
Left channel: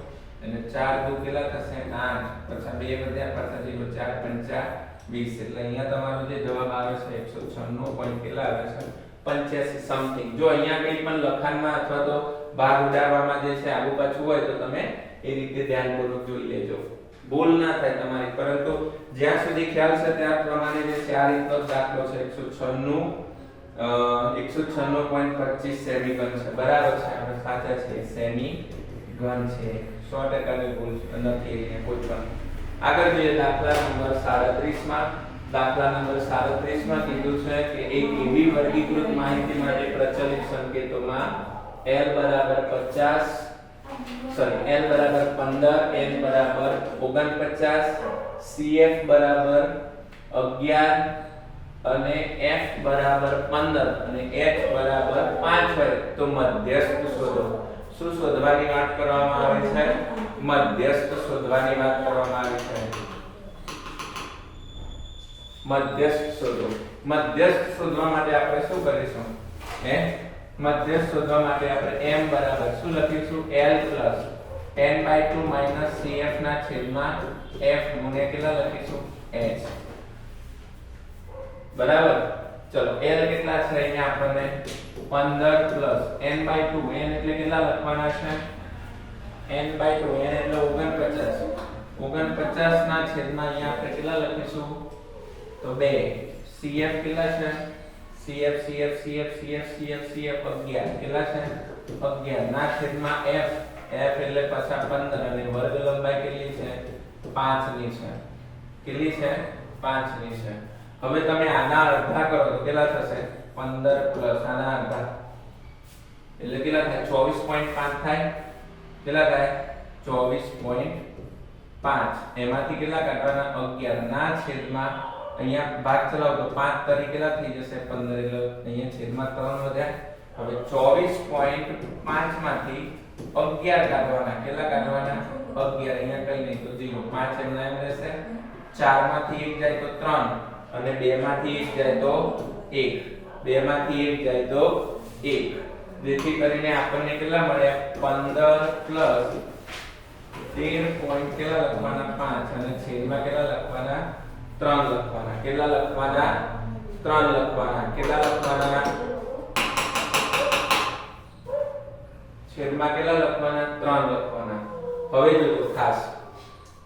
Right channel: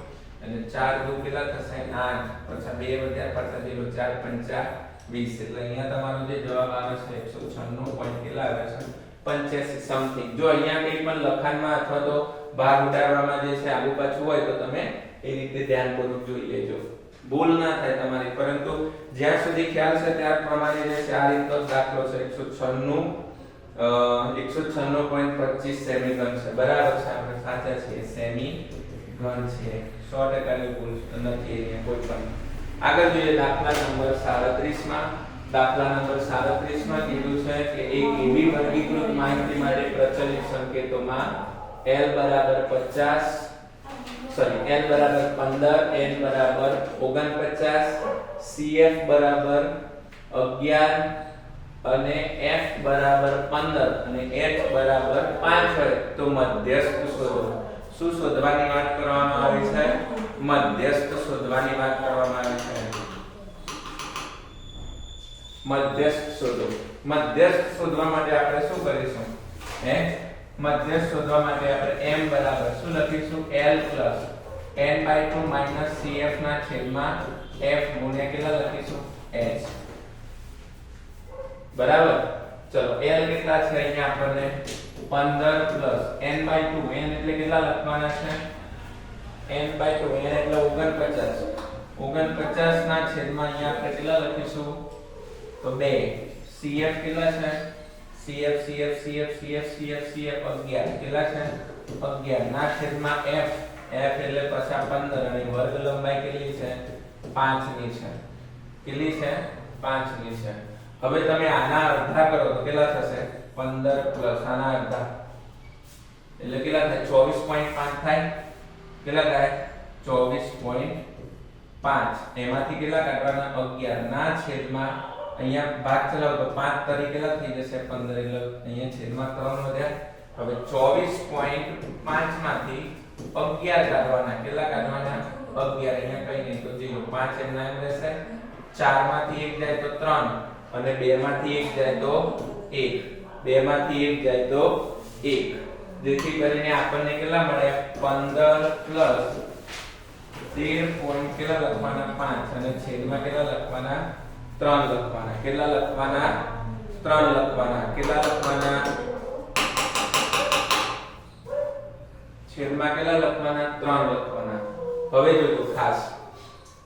અને 4 × 2 કેટલા થશે? 8. પાછા 2 વધ્યા, પાછા 0. 4 × 5 = 20. એટલે અહીંયા તમારો જે જવાબ આવે છે 196 પોઈન્ટ કેટલા આવે છે? 85 સમથિંગ. જો અહીંયા કંઈ પણ લખાણમાં અથવા તો ભાગ ઉડાડવામાં જે છે આગુ પાછું હોય તો તમે એ રીતે ધ્યાનપૂર્વક જોઈ લેજો, ભૂલ ના થાય તમારી. પરંતુ જ્યાં સુધી ખ્યાલ છે ત્યાર પ્રમાણે જે છે આ રીતનો દાખલો છે 196.25 સેમી ઘન છે. બરાબર છે, આપણે સાચા છે, સેમી ઘન છે. 100% ની ભૂલ નથી અહીંયા કોઈ પણ. આગળ જોઈએ દાખલા નંબર 37 માં. દાખલા નંબર 37 માં કીધું છે કે એક એવી વર્ગીકૃત માહિતી માટે પ્રચલિત સંકેતોમાં L બરાબર 50 સોરી L બરાબર 15, N બરાબર 49, CF બરાબર 11 અને F બરાબર 15 અને H બરાબર 5 હોય તો મધ્યસ્થ શોધો. શું શોધવાની વાત કરવામાં આવી છે? મધ્યસ્થ શોધવાની વાત કરવામાં આવી છે. મધ્યસ્થ શોધો. મધ્યસ્થ શોધવા માટે આપણે શું કરીશું? મધ્યસ્થ શોધવા માટે આપણે m બરાબર શું લખીશું? L plus n/2 CF ના છેદમાં f ગુણ્યા કેટલા લખીશું? h. બરાબર. ચલો L કેટલા છે અહીંયા આપણને 15 plus n/2 n એટલે કેટલા લખવાના છે? n/2 n એટલે 49. 49 ના છેદમાં અહીંયા આપણે કેટલા લખીશું? તો 2. CF કેટલા છે? CF CF CF CF CF CF 11 કેટલા છે? 11 ના છેદમાં f. f એટલે પાછા 15 અને વર્ગ લંબાઈ કેટલી છે? 5 ની છે. કેટલી છે? 5 ની છે. હવે તમે આના અડધા કરો તો કેટલા થશે 15 પ્લસ આના અડધા એટલે કેટલા થાય 24.5 થાય કેટલા થાય 24.5 એમાંથી કેટલા કાઢવાના 11 ના છેદમાં અહીંયા ભાગ ચલાવો તો 5 તરી કેટલા થઈ જશે 15 એટલે અહીંયા છેદમાં 3 વધ્યા હવે 24.5 માંથી 11 કાઢવાના કેટલા કાઢવાના 11 અહીંયા કઈ નહીં તો 0 5 એમના એમ રહેશે 4 માંથી 1 જાય તો 3 અને 2 માંથી 1 જાય તો 1 2 માંથી 1 જાય તો 1 જેથી કરીને આપણને કેટલા મળ્યા 15 પ્લસ 13 પોઈન્ટ કેટલા લખવાના 5 અને છેદમાં કેટલા લખવાના 3 લખવાના કેટલા લખવાના 3 લખવાના કેટલા લખવાના છેદમાં કેટલા લખવાના 3 લખવાના હવે જોજો ખાસ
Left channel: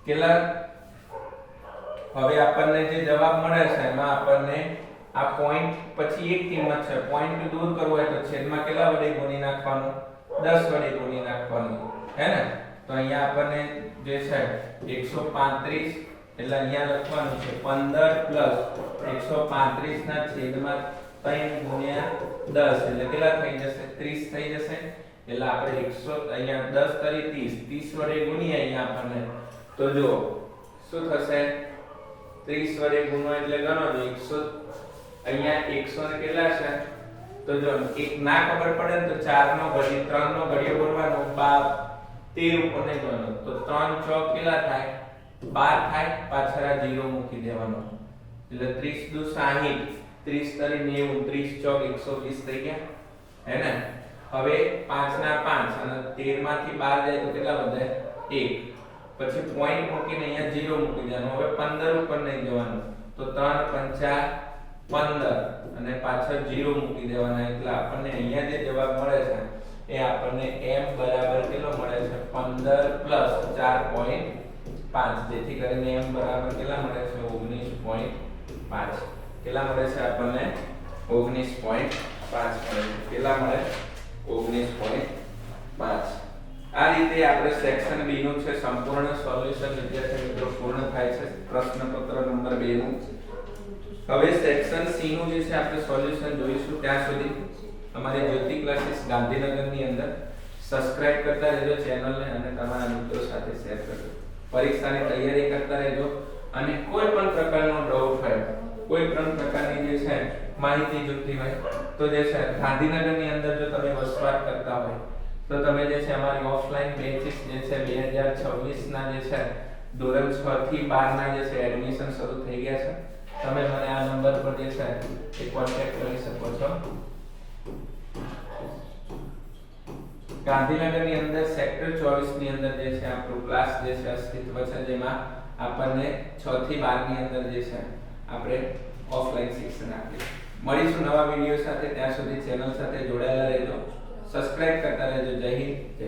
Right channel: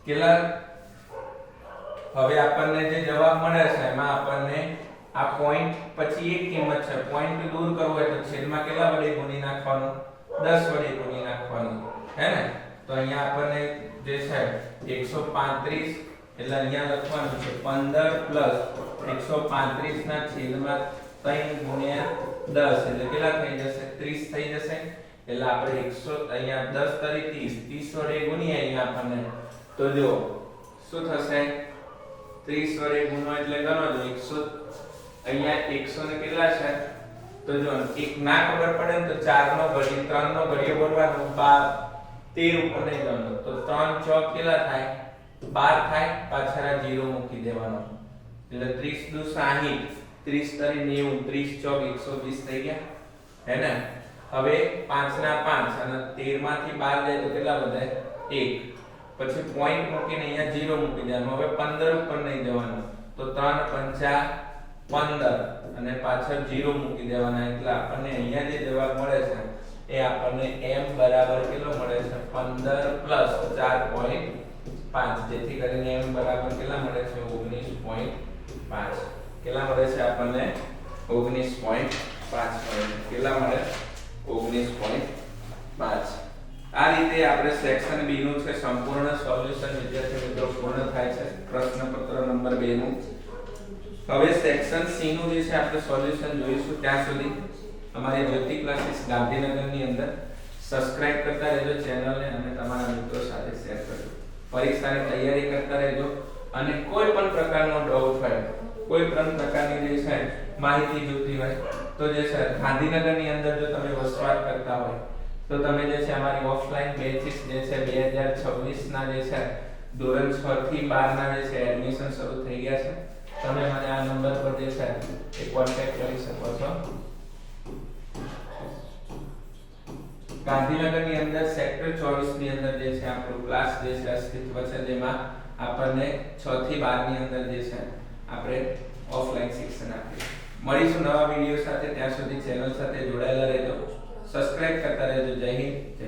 કેટલા હવે આપણને જે જવાબ મળે છે એમાં આપણને આ પોઈન્ટ પછી એક કિંમત છે પોઈન્ટ દૂર કરવો હોય તો છેદમાં કેટલા વડે ગુણી નાખવાનું 10 વડે ગુણી નાખવાનું હે ને તો અહીંયા આપણને જે છે 135 એટલે અહીંયા લખવાનું છે 15 પ્લસ 135 ના છેદમાં 3 ગુણ્યા 10 એટલે કેટલા થઈ જશે 30 થઈ જશે એટલે આપણે 100 અહીંયા 10 તરી 30 વડે ગુણીએ અહીંયા આપણને તો જો શું થશે 30 વડે ગુણો એટલે ગણવાનું 100 અહીંયા 100 ને કેટલા છે તો જો એક ના ખબર પડે તો 4 નો ઘડિયો 3 નો ઘડિયો બોલવાનો 13 ઉપર નહીં જવાનું તો 3 ચોક કેટલા થાય 12 થાય પાછળ 0 મૂકી દેવાનો એટલે 30 દુ 60 30 તરી 90 30 ચોક 120 થઈ ગયા હે ને હવે 5 ના 5 અને 13 માંથી 12 જાય તો કેટલા વધે 1 પછી પોઈન્ટ મૂકીને અહીંયા 0 મૂકી દેવાનું હવે 15 ઉપર નહીં જવાનું તો 3 5 15 અને પાછળ 0 મૂકી દેવાના એટલે આપણને અહીંયા જે જવાબ મળે છે એ આપણને m બરાબર કેટલો મળે છે 15 પ્લસ 4.5 જેથી કરીને m બરાબર કેટલા મળે છે 19.5 કેટલા મળે છે આપણને 19.5 કેટલા મળે 19.5 આ રીતે આપણે સેક્શન B નું છે સંપૂર્ણ સોલ્યુશન વિદ્યાર્થી મિત્રો પૂર્ણ થાય છે પ્રશ્નપત્ર નંબર 2 નું હવે સેક્શન C નું જે છે આપણે સોલ્યુશન જોઈશું ત્યાં સુધી અમારી જ્યોતિ ક્લાસીસ ગાંધીનગરની અંદર સબસ્ક્રાઇબ કરતા રહેજો ચેનલને અને તમારા મિત્રો સાથે શેર કરજો પરીક્ષાની તૈયારી કરતા રહેજો અને કોઈ પણ પ્રકારનો ડાઉટ હોય કોઈ પણ પ્રકારની જે છે માહિતી જોઈતી હોય તો જે છે ગાંધીનગરની અંદર જો તમે વસવાટ કરતા હોય તો તમે જે છે અમારી ઓફલાઈન બેચીસ જે છે 2026 ના જે છે ધોરણ 6 થી 12 ના જે છે એડમિશન શરૂ થઈ ગયા છે તમે મને આ નંબર પર જે છે એ કોન્ટેક્ટ કરી શકો છો ગાંધીનગરની અંદર સેક્ટર 24 ની અંદર જે છે આપણો ક્લાસ જે છે અસ્તિત્વ છે જેમાં આપણને 6 થી 12 ની અંદર જે છે આપણે ઓફલાઈન શિક્ષણ આપીએ મળીશું નવા વિડિયો સાથે ત્યાં સુધી ચેનલ સાથે જોડાયેલા રહેજો સબસ્ક્રાઇબ કરતા રહેજો જય હિન્દ જય